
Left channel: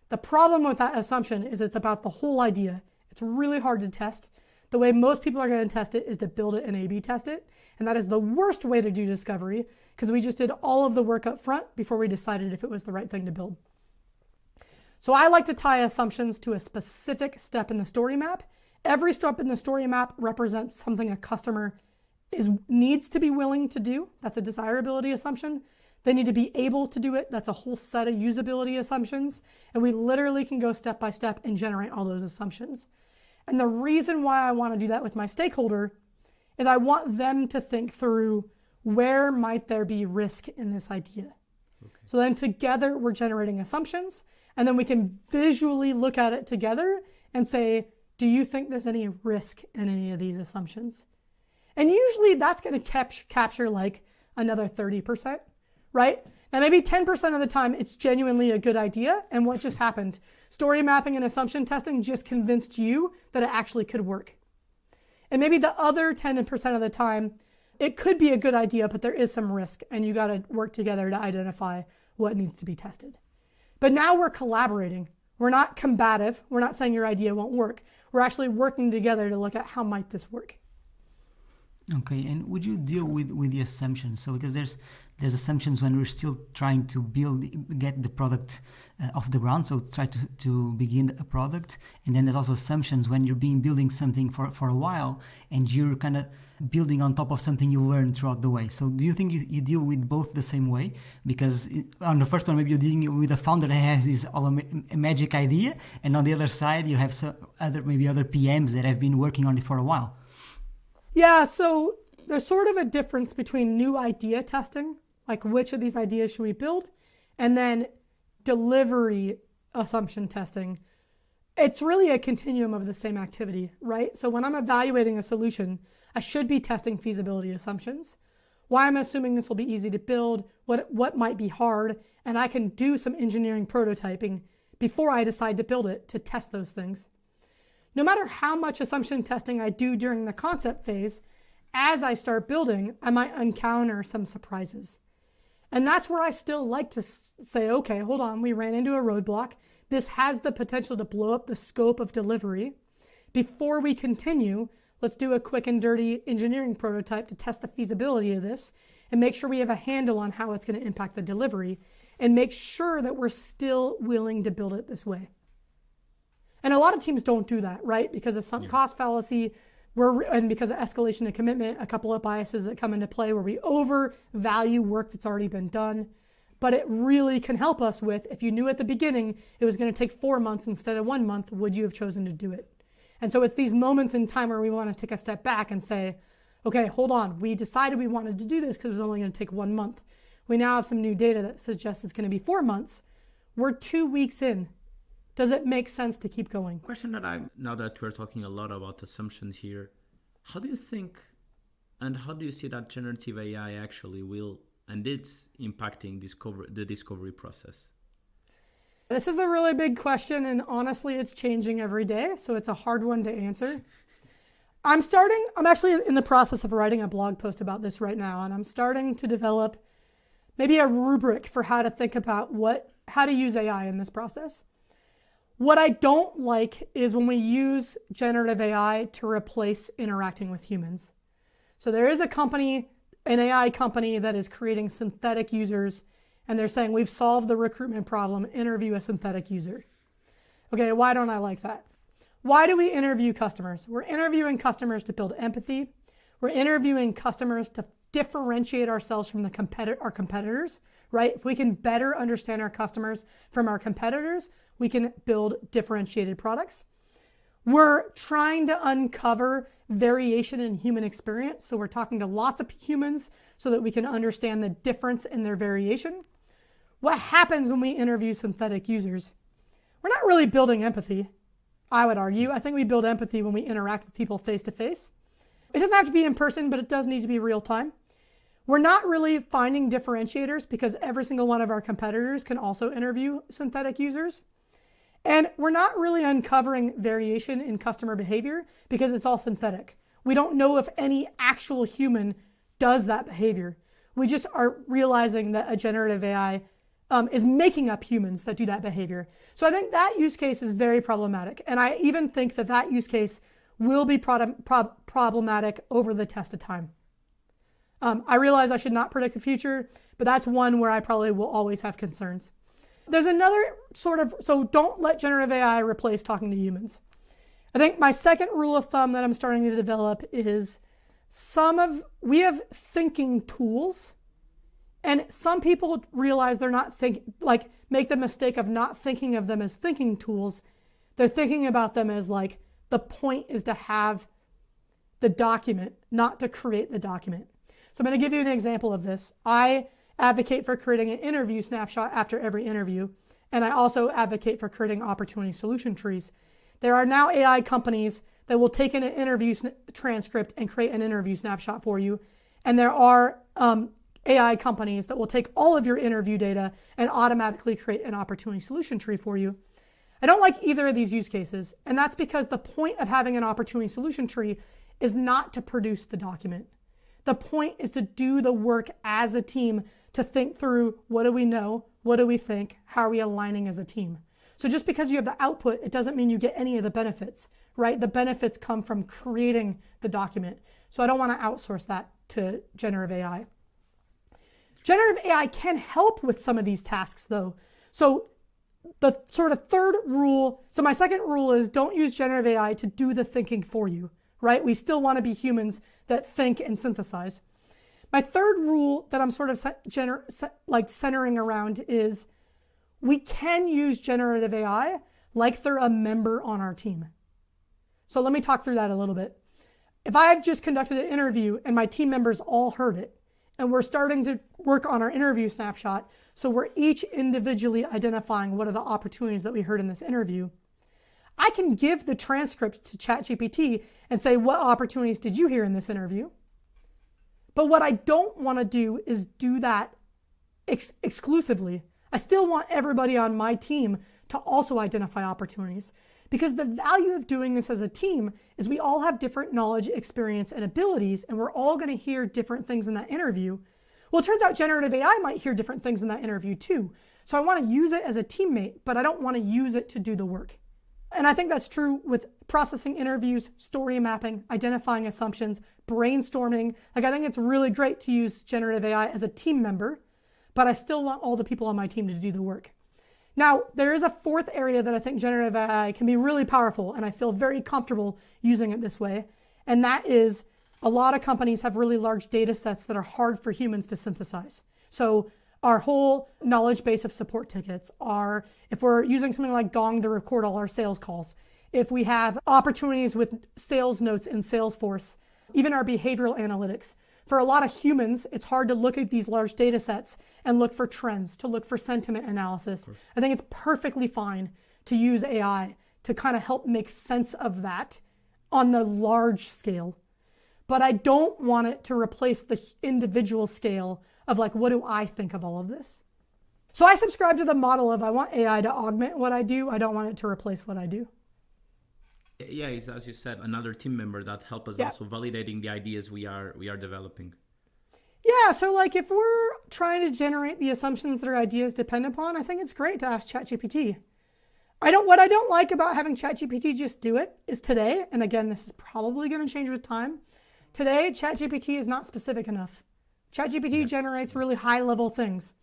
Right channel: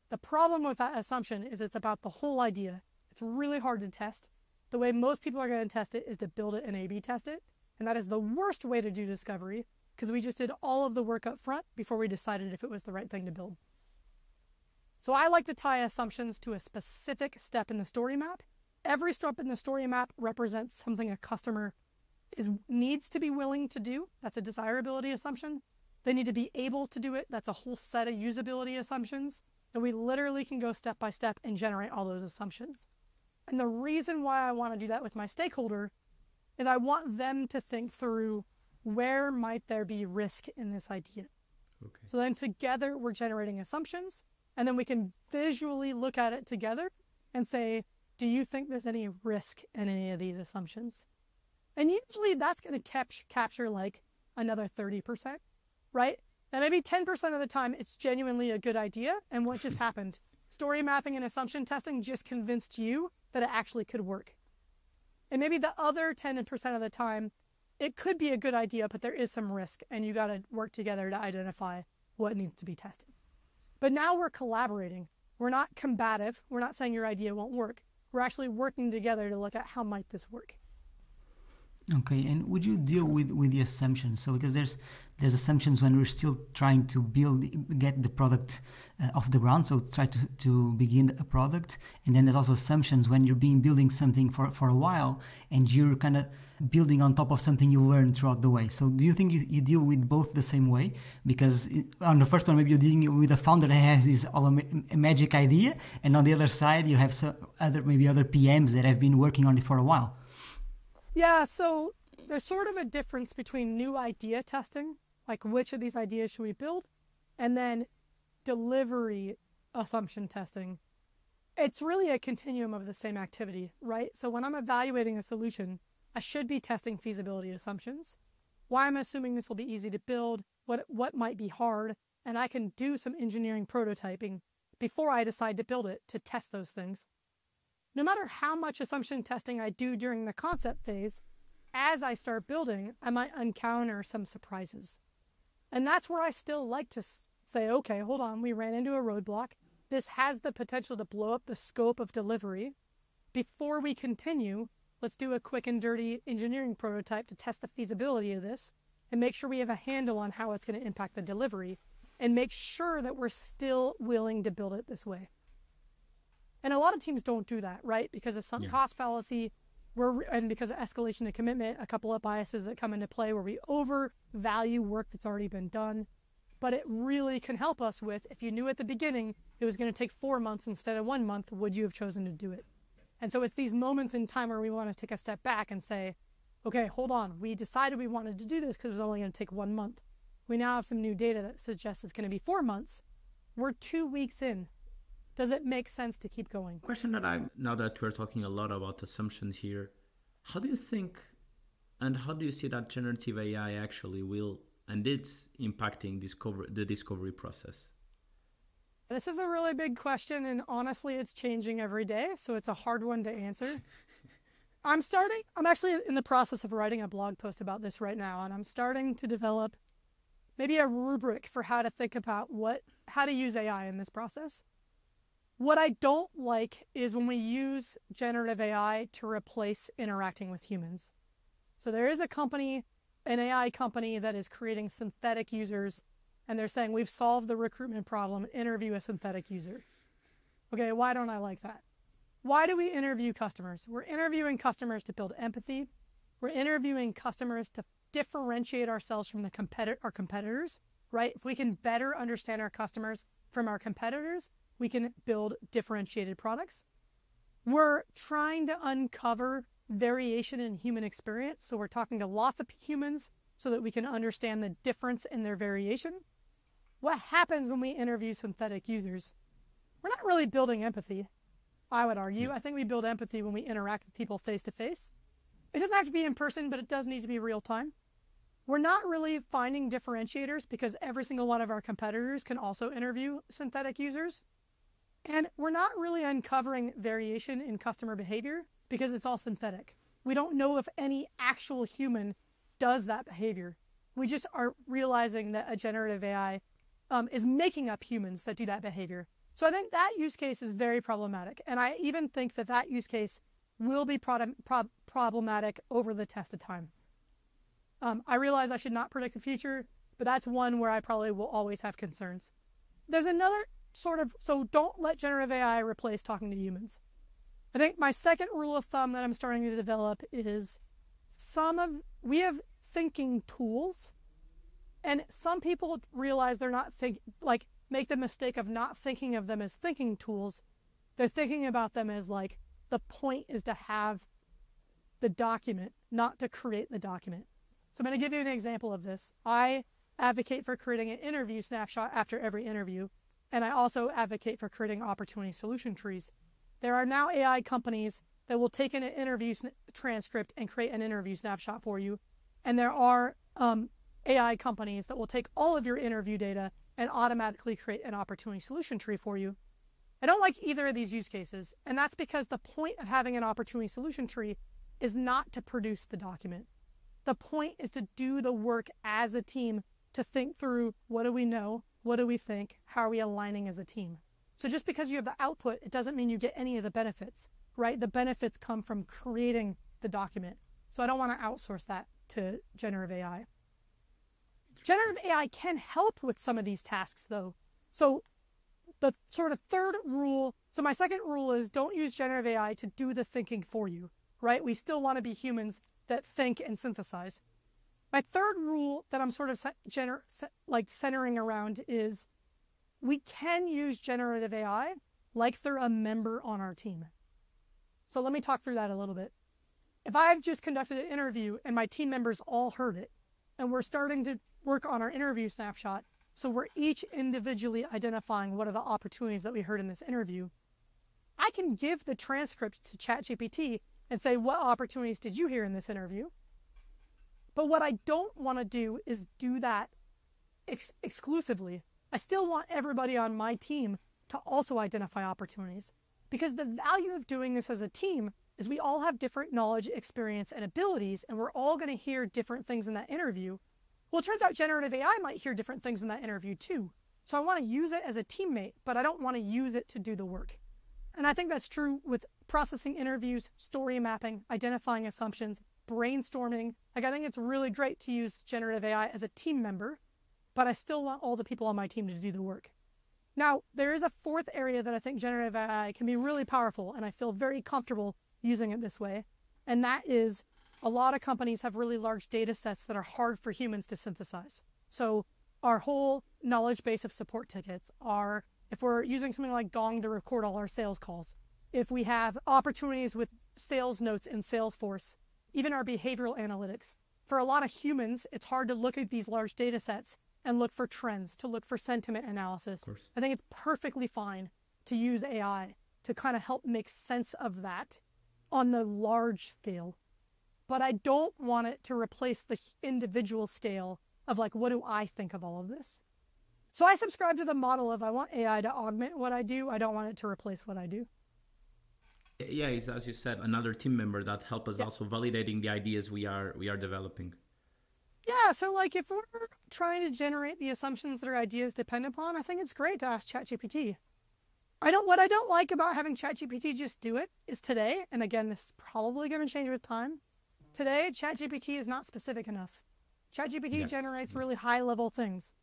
The problem with that assumption is it's about the whole idea. It's really hard to test. The way most people are going to test it is to build it and A/B test it. And that is the worst way to do discovery because we just did all of the work up front before we decided if it was the right thing to build. So I like to tie assumptions to a specific step in the story map. Every step in the story map represents something a customer needs to be willing to do. That's a desirability assumption. They need to be able to do it. That's a whole set of usability assumptions. And we literally can go step by step and generate all those assumptions. And the reason why I want to do that with my stakeholder is I want them to think through where might there be risk in this idea. Okay. So then together we're generating assumptions and then we can visually look at it together and say, do you think there's any risk in any of these assumptions? And usually that's going to capture like another 30%. Right? And maybe 10% of the time it's genuinely a good idea. And what just happened? Story mapping and assumption testing just convinced you that it actually could work. And maybe the other 10% of the time, it could be a good idea, but there is some risk and you got to work together to identify what needs to be tested. But now we're collaborating. We're not combative. We're not saying your idea won't work. We're actually working together to look at how might this work. Okay, and would you deal with the assumptions? So because there's assumptions when we're still trying to get the product off the ground, so try to begin a product, and then there's also assumptions when you're building something for a while, and you're kind of building on top of something you learned throughout the way. So do you think you deal with both the same way? Because on the first one, maybe you're dealing with a founder that has this a magic idea, and on the other side, you have other PMs that have been working on it for a while. Yeah, so there's sort of a difference between new idea testing, like which of these ideas should we build, and then delivery assumption testing. It's really a continuum of the same activity, right? So when I'm evaluating a solution, I should be testing feasibility assumptions. Why I'm assuming this will be easy to build, what might be hard, and I can do some engineering prototyping before I decide to build it to test those things. No matter how much assumption testing I do during the concept phase, as I start building, I might encounter some surprises. And that's where I still like to say, okay, hold on, we ran into a roadblock. This has the potential to blow up the scope of delivery. Before we continue, let's do a quick and dirty engineering prototype to test the feasibility of this and make sure we have a handle on how it's going to impact the delivery and make sure that we're still willing to build it this way. And a lot of teams don't do that, right? Because of some cost fallacy, and because of escalation of commitment, a couple of biases that come into play where we overvalue work that's already been done. But it really can help us with, if you knew at the beginning it was going to take 4 months instead of 1 month, would you have chosen to do it? And so it's these moments in time where we want to take a step back and say, okay, hold on. We decided we wanted to do this because it was only going to take 1 month. We now have some new data that suggests it's going to be 4 months. We're 2 weeks in. Does it make sense to keep going? Question that now that we're talking a lot about assumptions here, how do you think and how do you see that generative AI actually will and it's impacting the discovery process? This is a really big question, and honestly, it's changing every day, so it's a hard one to answer. I'm actually in the process of writing a blog post about this right now, and I'm starting to develop maybe a rubric for how to think about how to use AI in this process. What I don't like is when we use generative AI to replace interacting with humans. So there is an AI company that is creating synthetic users, and they're saying we've solved the recruitment problem, interview a synthetic user. Okay, why don't I like that? Why do we interview customers? We're interviewing customers to build empathy. We're interviewing customers to differentiate ourselves from our competitors, right? If we can better understand our customers from our competitors, we can build differentiated products. We're trying to uncover variation in human experience. So we're talking to lots of humans so that we can understand the difference in their variation. What happens when we interview synthetic users? We're not really building empathy, I would argue. I think we build empathy when we interact with people face to face. It doesn't have to be in person, but it does need to be real time. We're not really finding differentiators because every single one of our competitors can also interview synthetic users. And we're not really uncovering variation in customer behavior because it's all synthetic. We don't know if any actual human does that behavior. We just are realizing that a generative AI is making up humans that do that behavior. So I think that use case is very problematic. And I even think that use case will be problematic over the test of time. I realize I should not predict the future, but that's one where I probably will always have concerns. There's another so don't let generative AI replace talking to humans. I think my second rule of thumb that I'm starting to develop is we have thinking tools, and some people realize they're not make the mistake of not thinking of them as thinking tools. They're thinking about them as the point is to have the document, not to create the document. So I'm going to give you an example of this. I advocate for creating an interview snapshot after every interview, and I also advocate for creating opportunity solution trees. There are now AI companies that will take in an interview transcript and create an interview snapshot for you, and there are AI companies that will take all of your interview data and automatically create an opportunity solution tree for you. I don't like either of these use cases, and that's because the point of having an opportunity solution tree is not to produce the document. The point is to do the work as a team to think through what do we know, what do we think, how are we aligning as a team. So just because you have the output, it doesn't mean you get any of the benefits, right? The benefits come from creating the document. So I don't want to outsource that to generative AI. Generative AI can help with some of these tasks though. So the sort of third rule, so my second rule is don't use generative AI to do the thinking for you, right? We still want to be humans that think and synthesize. My third rule that I'm sort of centering around is we can use generative AI like they're a member on our team. So let me talk through that a little bit. If I've just conducted an interview and my team members all heard it, and we're starting to work on our interview snapshot, so we're each individually identifying what are the opportunities that we heard in this interview, I can give the transcript to ChatGPT and say, what opportunities did you hear in this interview? But what I don't want to do is do that exclusively. I still want everybody on my team to also identify opportunities, because the value of doing this as a team is we all have different knowledge, experience, and abilities, and we're all going to hear different things in that interview. Well, it turns out generative AI might hear different things in that interview too. So I want to use it as a teammate, but I don't want to use it to do the work. And I think that's true with processing interviews, story mapping, identifying assumptions, brainstorming. Like, I think it's really great to use generative AI as a team member, but I still want all the people on my team to do the work. Now, there is a fourth area that I think generative AI can be really powerful, and I feel very comfortable using it this way. And that is, a lot of companies have really large data sets that are hard for humans to synthesize. So our whole knowledge base of support tickets are, if we're using something like Gong to record all our sales calls, if we have opportunities with sales notes in Salesforce, even our behavioral analytics. For a lot of humans, it's hard to look at these large data sets and look for trends, to look for sentiment analysis. I think it's perfectly fine to use AI to kind of help make sense of that on the large scale. But I don't want it to replace the individual scale of, like, what do I think of all of this? So I subscribe to the model of I want AI to augment what I do. I don't want it to replace what I do. Yeah, it's, as you said, another team member that help us also validating the ideas we are developing. Yeah, so like if we're trying to generate the assumptions that our ideas depend upon, I think it's great to ask ChatGPT. What I don't like about having ChatGPT just do it is today, and again, this is probably going to change with time. Today, ChatGPT is not specific enough. ChatGPT generates really high-level things.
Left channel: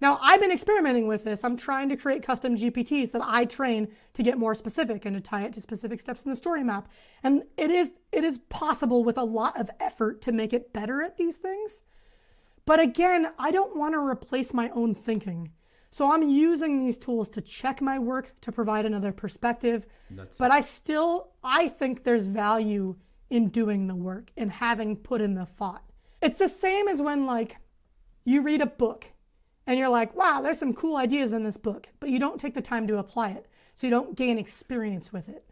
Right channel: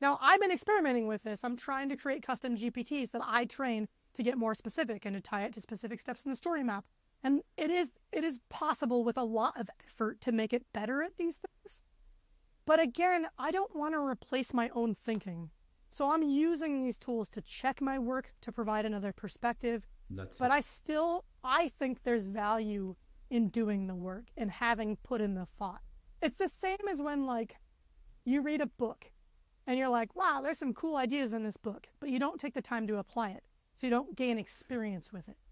Now, I've been experimenting with this. I'm trying to create custom GPTs that I train to get more specific and to tie it to specific steps in the story map. And it is possible with a lot of effort to make it better at these things. But again, I don't want to replace my own thinking. So I'm using these tools to check my work, to provide another perspective. But I think there's value in doing the work and having put in the thought. It's the same as when, like, you read a book and you're like, wow, there's some cool ideas in this book, but you don't take the time to apply it. So you don't gain experience with it,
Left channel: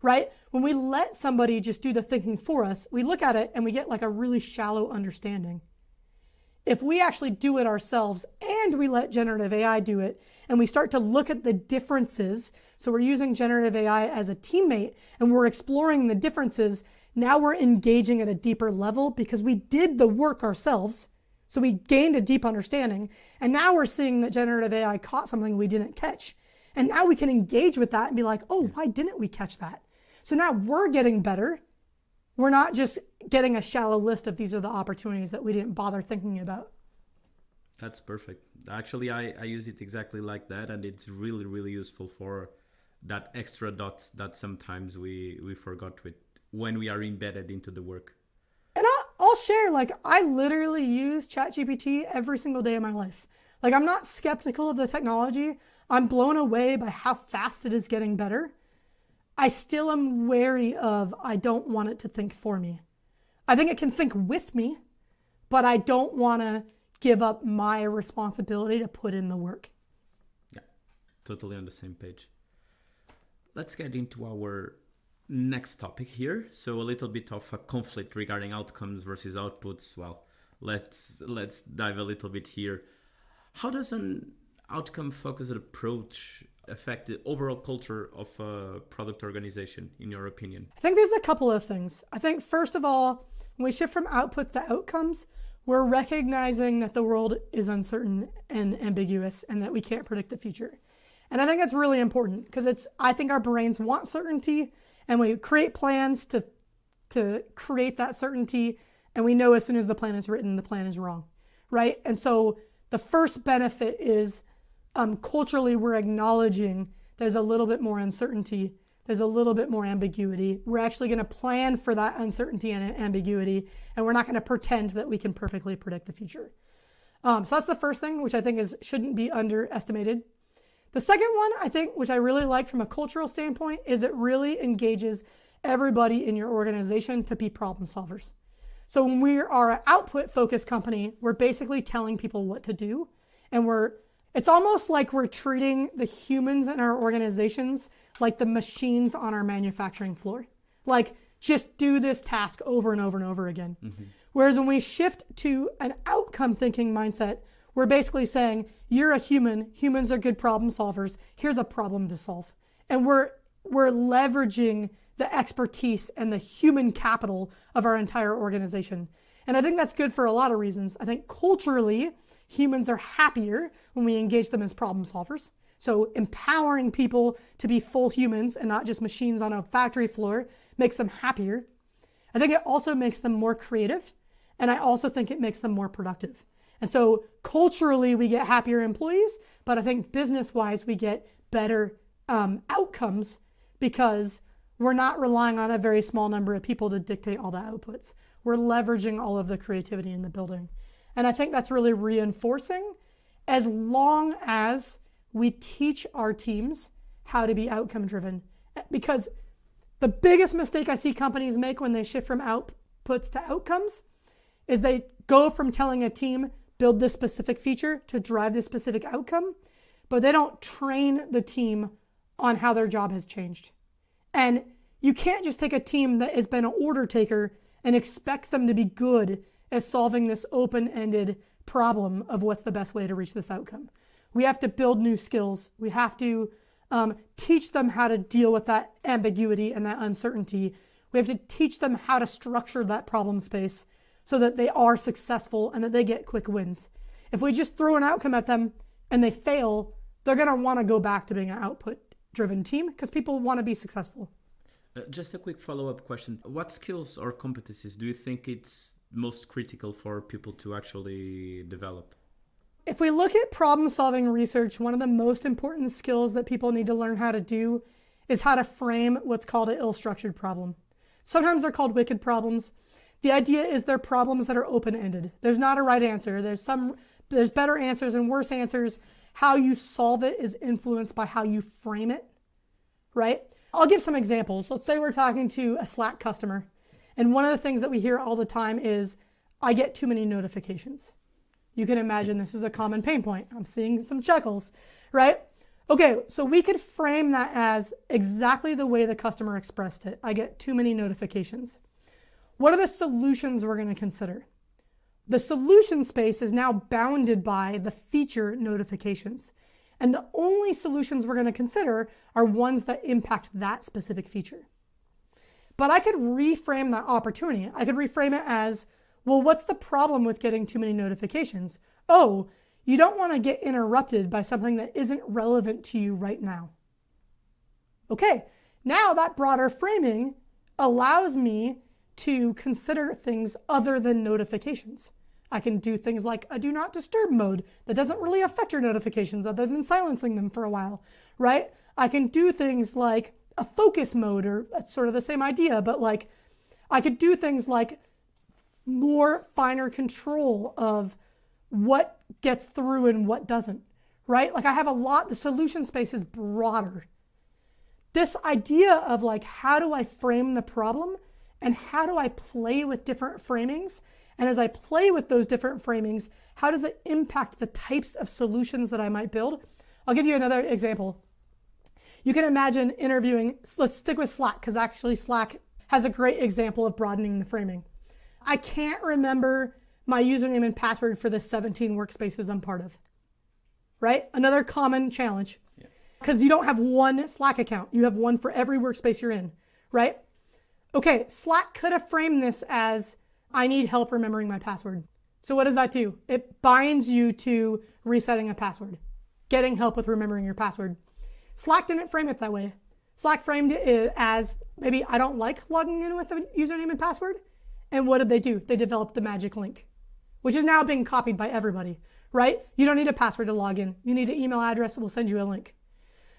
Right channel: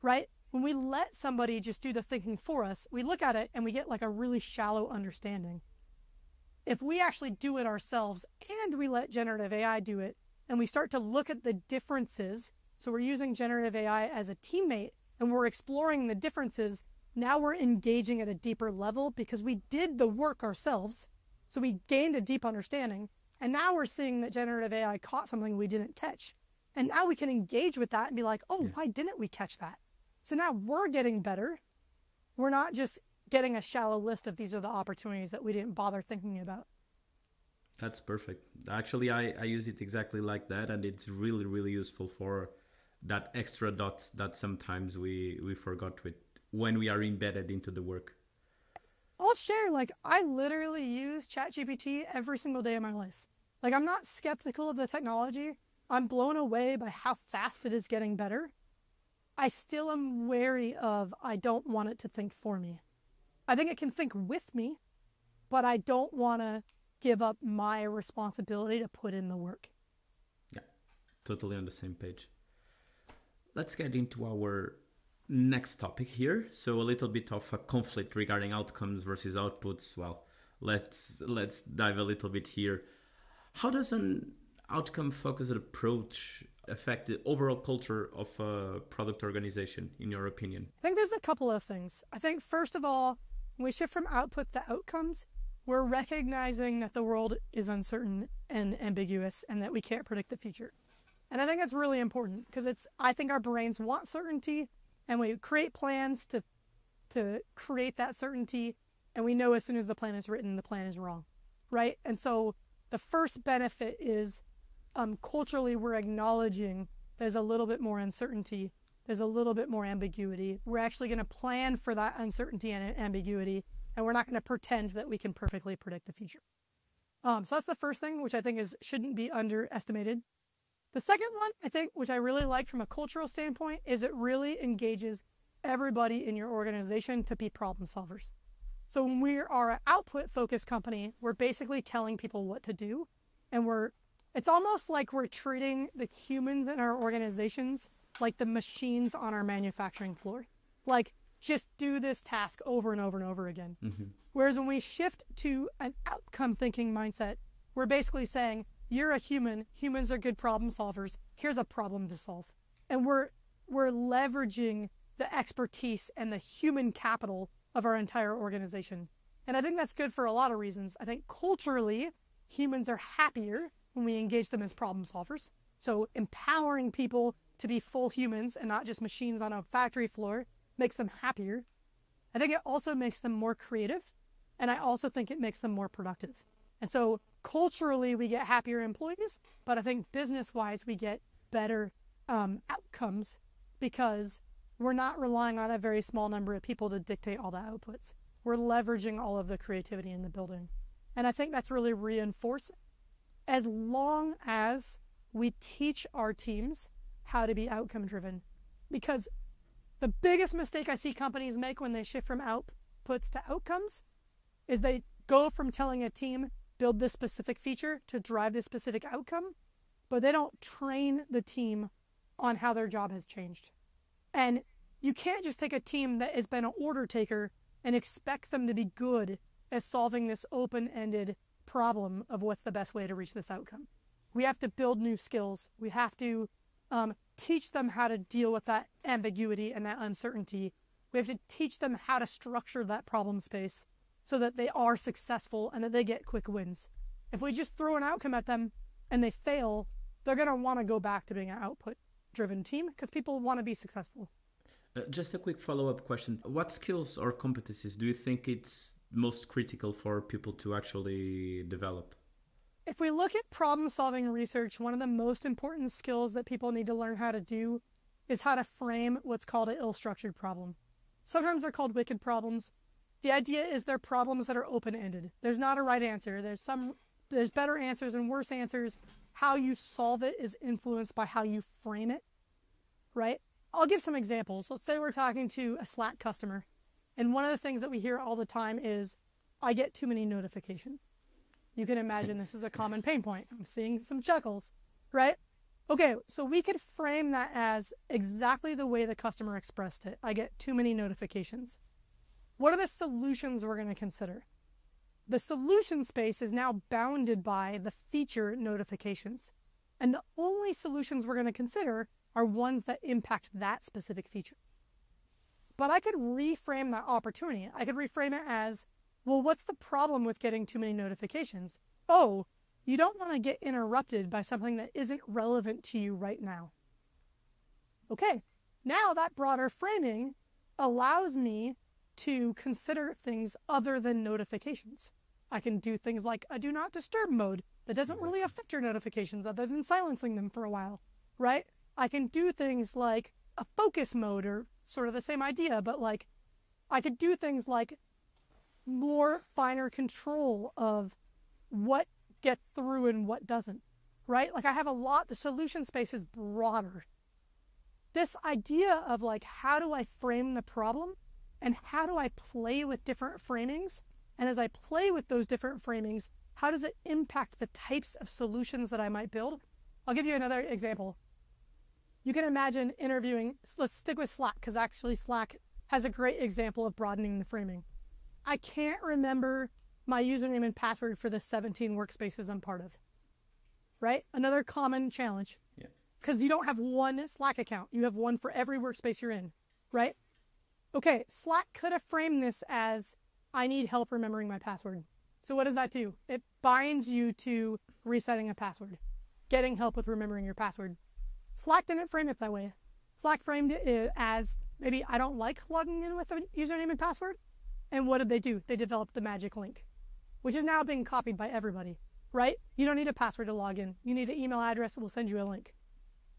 right? When we let somebody just do the thinking for us, we look at it and we get like a really shallow understanding. If we actually do it ourselves and we let generative AI do it, and we start to look at the differences, so we're using generative AI as a teammate and we're exploring the differences, now we're engaging at a deeper level because we did the work ourselves. So we gained a deep understanding, and now we're seeing that generative AI caught something we didn't catch. And now we can engage with that and be like, oh, why didn't we catch that? So now we're getting better. We're not just getting a shallow list of these are the opportunities that we didn't bother thinking about. That's perfect. Actually, I use it exactly like that, and it's really, really useful for that extra dot that sometimes we forgot with when we are embedded into the work. And I'll share, like, I literally use ChatGPT every single day of my life. Like, I'm not skeptical of the technology. I'm blown away by how fast it is getting better. I still am wary of, I don't want it to think for me. I think it can think with me, but I don't want to give up my responsibility to put in the work. Yeah, totally on the same page. Let's get into our next topic here. So a little bit of a conflict regarding outcomes versus outputs. Well, let's dive a little bit here. How does an outcome-focused approach affect the overall culture of a product organization, in your opinion? I think there's a couple of things. I think, first of all, when we shift from outputs to outcomes, we're recognizing that the world is uncertain and ambiguous and that we can't predict the future. And I think that's really important because I think our brains want certainty, and we create plans to to create that certainty. And we know as soon as the plan is written, the plan is wrong, right? And so the first benefit is culturally, we're acknowledging there's a little bit more uncertainty. There's a little bit more ambiguity. We're actually going to plan for that uncertainty and ambiguity, and we're not going to pretend that we can perfectly predict the future. So that's the first thing, which I think shouldn't be underestimated. The second one, I think, which I really like from a cultural standpoint, is it really engages everybody in your organization to be problem solvers. So when we are an output-focused company, we're basically telling people what to do, and it's almost like we're treating the humans in our organizations like the machines on our manufacturing floor. Like, just do this task over and over and over again. Mm-hmm. Whereas when we shift to an outcome thinking mindset, we're basically saying, you're a human, humans are good problem solvers, here's a problem to solve. And we're leveraging the expertise and the human capital of our entire organization. And I think that's good for a lot of reasons. I think culturally, humans are happier when we engage them as problem solvers. So empowering people to be full humans and not just machines on a factory floor makes them happier. I think it also makes them more creative. And I also think it makes them more productive. And so culturally, we get happier employees, but I think business-wise, we get better outcomes because we're not relying on a very small number of people to dictate all the outputs. We're leveraging all of the creativity in the building. And I think that's really reinforcing as long as we teach our teams how to be outcome-driven. Because the biggest mistake I see companies make when they shift from outputs to outcomes is they go from telling a team, build this specific feature to drive this specific outcome, but they don't train the team on how their job has changed. And you can't just take a team that has been an order taker and expect them to be good at solving this open-ended problem of what's the best way to reach this outcome. We have to build new skills. We have to teach them how to deal with that ambiguity and that uncertainty. We have to teach them how to structure that problem space so that they are successful and that they get quick wins. If we just throw an outcome at them and they fail, they're going to want to go back to being an output-driven team because people want to be successful. Just a quick follow-up question. What skills or competencies do you think it's most critical for people to actually develop? If we look at problem-solving research, one of the most important skills that people need to learn how to do is how to frame what's called an ill-structured problem. Sometimes they're called wicked problems. The idea is they're problems that are open-ended. There's not a right answer. There's better answers and worse answers. How you solve it is influenced by how you frame it, right? I'll give some examples. Let's say we're talking to a Slack customer, and one of the things that we hear all the time is, I get too many notifications. You can imagine this is a common pain point. I'm seeing some chuckles, right? Okay, so we could frame that as exactly the way the customer expressed it. I get too many notifications. What are the solutions we're going to consider? The solution space is now bounded by the feature notifications. And the only solutions we're going to consider are ones that impact that specific feature. But I could reframe that opportunity. I could reframe it as, well, what's the problem with getting too many notifications? Oh, you don't want to get interrupted by something that isn't relevant to you right now. Okay, now that broader framing allows me to consider things other than notifications. I can do things like a do not disturb mode that doesn't really affect your notifications other than silencing them for a while, right? I can do things like a focus mode, or that's sort of the same idea, but like I could do things like more finer control of what gets through and what doesn't, right? Like I have the solution space is broader. This idea of like, how do I frame the problem and how do I play with different framings? And as I play with those different framings, how does it impact the types of solutions that I might build? I'll give you another example. You can imagine interviewing, let's stick with Slack, because actually Slack has a great example of broadening the framing. I can't remember my username and password for the 17 workspaces I'm part of, right? Another common challenge, because you don't have one Slack account. You have one for every workspace you're in, right? Okay, Slack could have framed this as, I need help remembering my password. So what does that do? It binds you to resetting a password, getting help with remembering your password. Slack didn't frame it that way. Slack framed it as maybe I don't like logging in with a username and password. And what did they do? They developed the magic link, which is now being copied by everybody, right? You don't need a password to log in. You need an email address, we'll send you a link.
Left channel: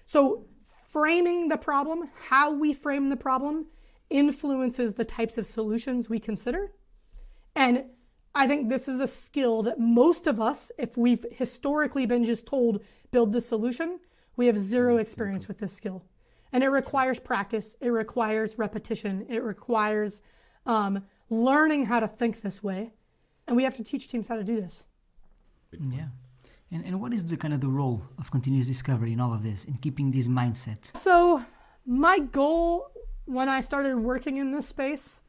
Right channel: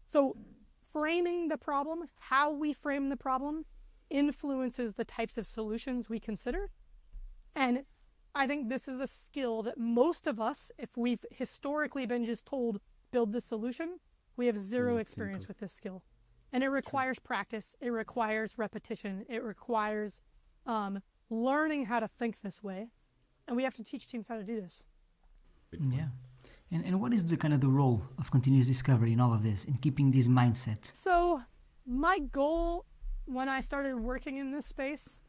So framing the problem, how we frame the problem, influences the types of solutions we consider. And I think this is a skill that most of us, if we've historically been just told, build this solution, we have zero experience with this skill. And it requires practice. It requires repetition. It requires learning how to think this way. And we have to teach teams how to do this. Yeah. And what is the kind of the role of continuous discovery in all of this, in keeping this mindset? So my goal when I started working in this space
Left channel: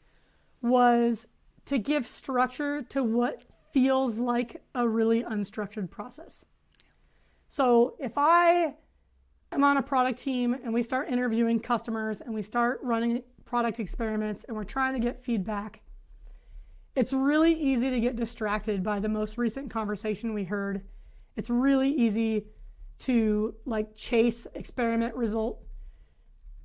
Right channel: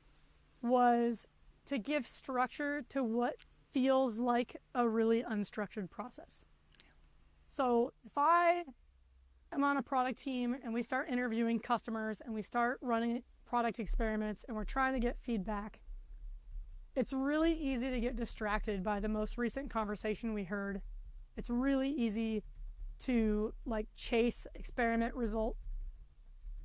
was to give structure to what feels like a really unstructured process. So if I am on a product team and we start interviewing customers and we start running product experiments and we're trying to get feedback, it's really easy to get distracted by the most recent conversation we heard. It's really easy to chase experiment result.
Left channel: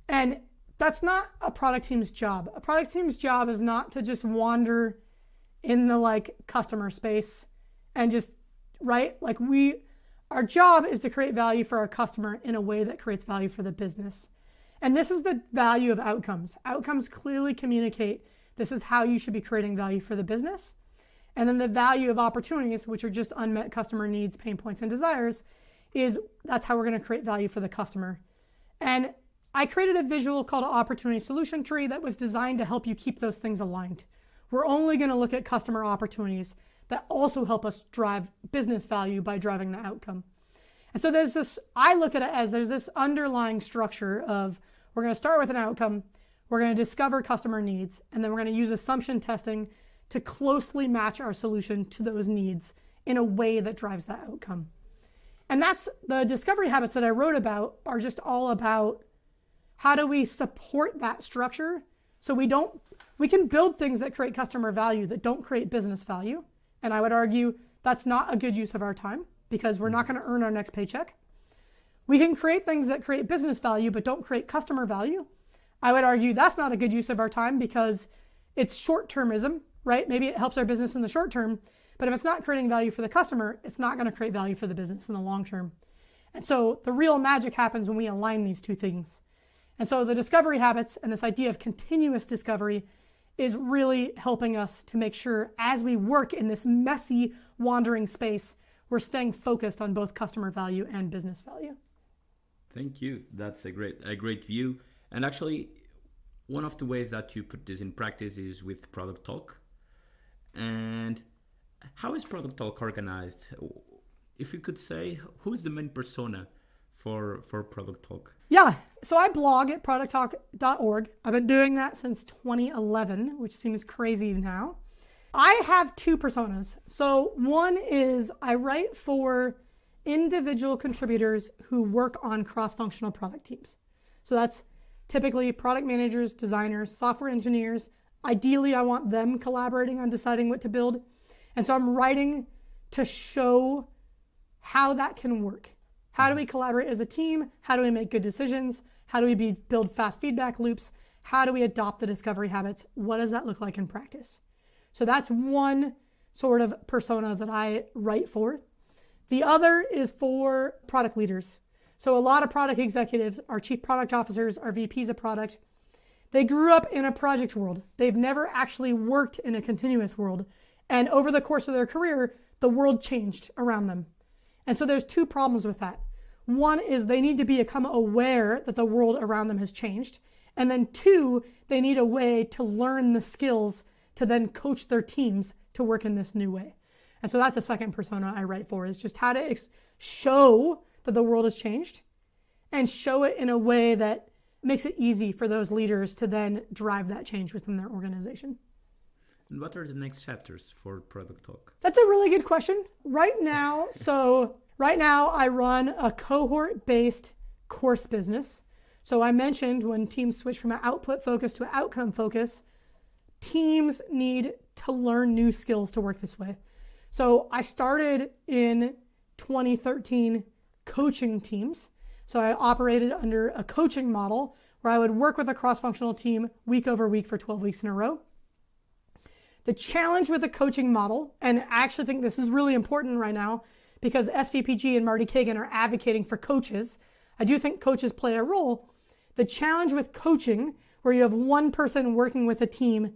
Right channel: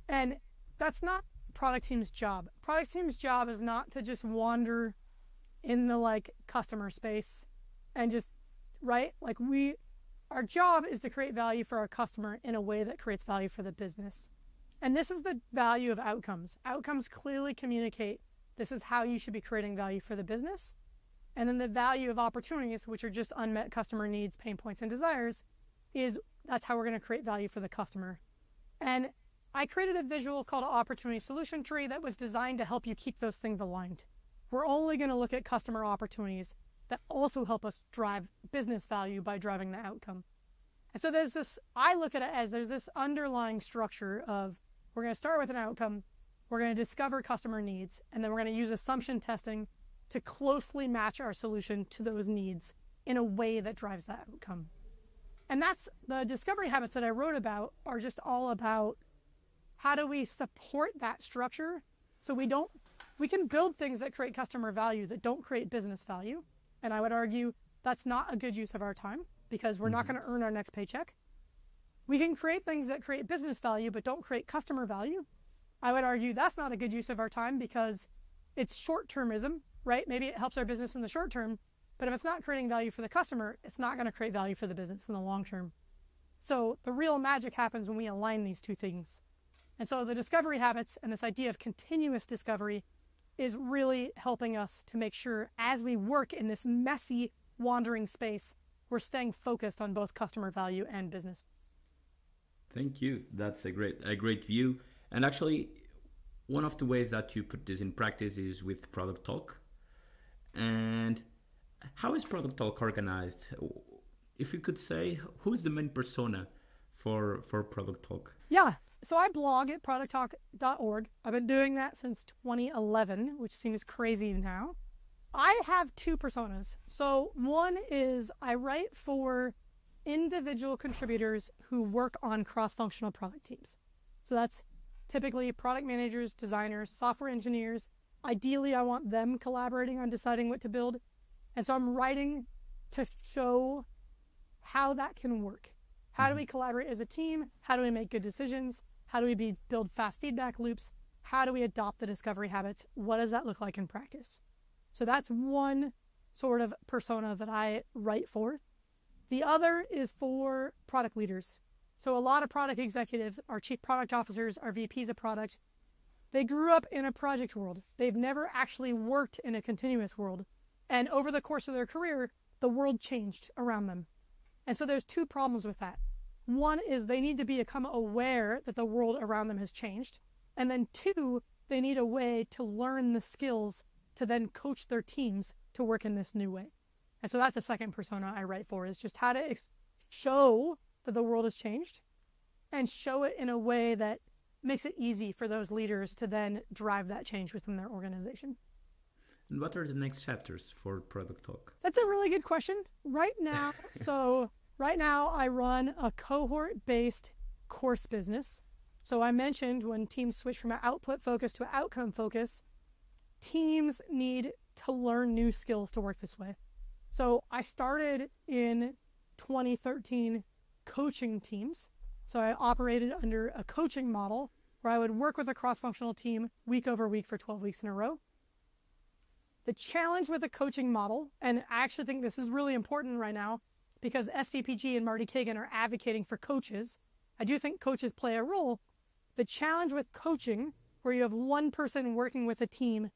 And that's not a product team's job. A product team's job is not to just wander in the customer space and just, right? Our job is to create value for our customer in a way that creates value for the business. And this is the value of outcomes. Outcomes clearly communicate this is how you should be creating value for the business. And then the value of opportunities, which are just unmet customer needs, pain points, and desires, is that's how we're going to create value for the customer. And I created a visual called an opportunity solution tree that was designed to help you keep those things aligned. We're only going to look at customer opportunities that also help us drive business value by driving the outcome. And so there's this, I look at it as there's this underlying structure of we're going to start with an outcome, we're going to discover customer needs, and then we're going to use assumption testing to closely match our solution to those needs in a way that drives that outcome. And that's the discovery habits that I wrote about are just all about how do we support that structure so we can build things that create customer value that don't create business value. And I would argue that's not a good use of our time because we're not going to earn our next paycheck. We can create things that create business value but don't create customer value. I would argue that's not a good use of our time because it's short-termism, right? Maybe it helps our business in the short term, but if it's not creating value for the customer, it's not going to create value for the business in the long term. And so the real magic happens when we align these two things. And so the discovery habits and this idea of continuous discovery is really helping us to make sure as we work in this messy, wandering space, we're staying focused on both customer value and business value. Thank you. That's a great view. And actually, one of the ways that you put this in practice is with Product Talk. And how is Product Talk organized? If you could say, who is the main persona for Product Talk? Yeah, so I blog at producttalk.org. I've been doing that since 2011, which seems crazy now. I have two personas. So one is I write for individual contributors who work on cross-functional product teams. So that's typically product managers, designers, software engineers. Ideally, I want them collaborating on deciding what to build. And so I'm writing to show how that can work. How do we collaborate as a team? How do we make good decisions? How do we build fast feedback loops? How do we adopt the discovery habits? What does that look like in practice? So that's one sort of persona that I write for. The other is for product leaders. So a lot of product executives, our chief product officers, our VPs of product, they grew up in a project world. They've never actually worked in a continuous world. And over the course of their career, the world changed around them. And so there's two problems with that. One is they need to become aware that the world around them has changed. And then two, they need a way to learn the skills to then coach their teams to work in this new way. And so that's the second persona I write for, is just how to show that the world has changed and show it in a way that makes it easy for those leaders to then drive that change within their organization. And what are the next chapters for Product Talk? That's a really good question. Right now I run a cohort-based course business. So I mentioned when teams switch from an output focus to an outcome focus, teams need to learn new skills to work this way. So I started in 2013 coaching teams. So I operated under a coaching model where I would work with a cross-functional team week over week for 12 weeks in a row. The challenge with the coaching model, and I actually think this is really important right now because SVPG and Marty Kagan are advocating for coaches. I do think coaches play a role. The challenge with coaching, where you have one person working with a team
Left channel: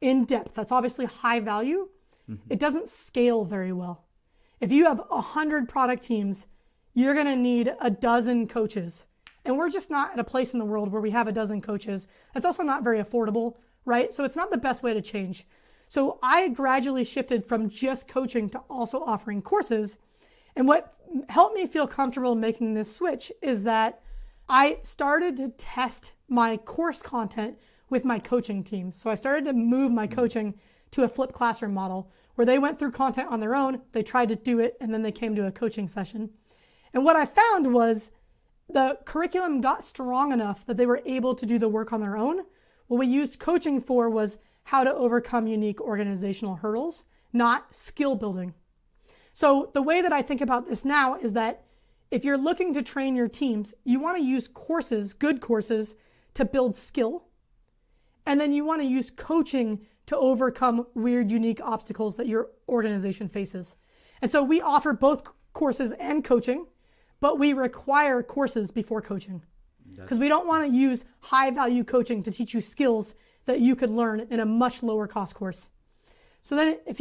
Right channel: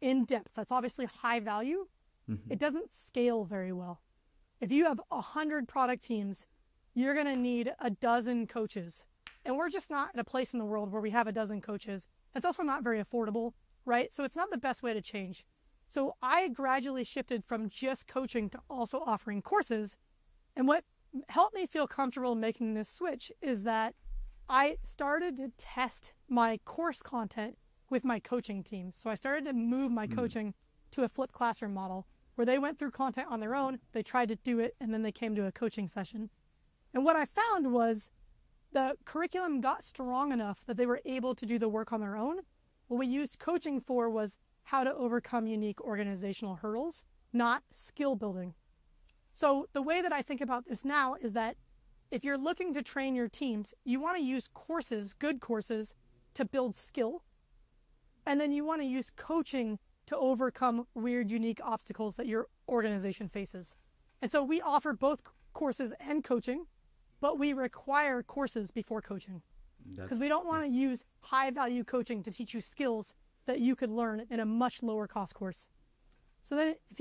in depth, that's obviously high value, it doesn't scale very well. If you have 100 product teams, you're going to need a dozen coaches. And we're just not at a place in the world where we have a dozen coaches. That's also not very affordable, right? So it's not the best way to change. So I gradually shifted from just coaching to also offering courses. And what helped me feel comfortable making this switch is that I started to test my course content with my coaching team. So I started to move my coaching to a flipped classroom model where they went through content on their own, they tried to do it, and then they came to a coaching session. And what I found was the curriculum got strong enough that they were able to do the work on their own. What we used coaching for was how to overcome unique organizational hurdles, not skill building. So the way that I think about this now is that if you're looking to train your teams, you want to use courses, good courses, to build skill. And then you want to use coaching to overcome weird, unique obstacles that your organization faces. And so we offer both courses and coaching, but we require courses before coaching because we don't want to use high value coaching to teach you skills that you could learn in a much lower cost course. So then if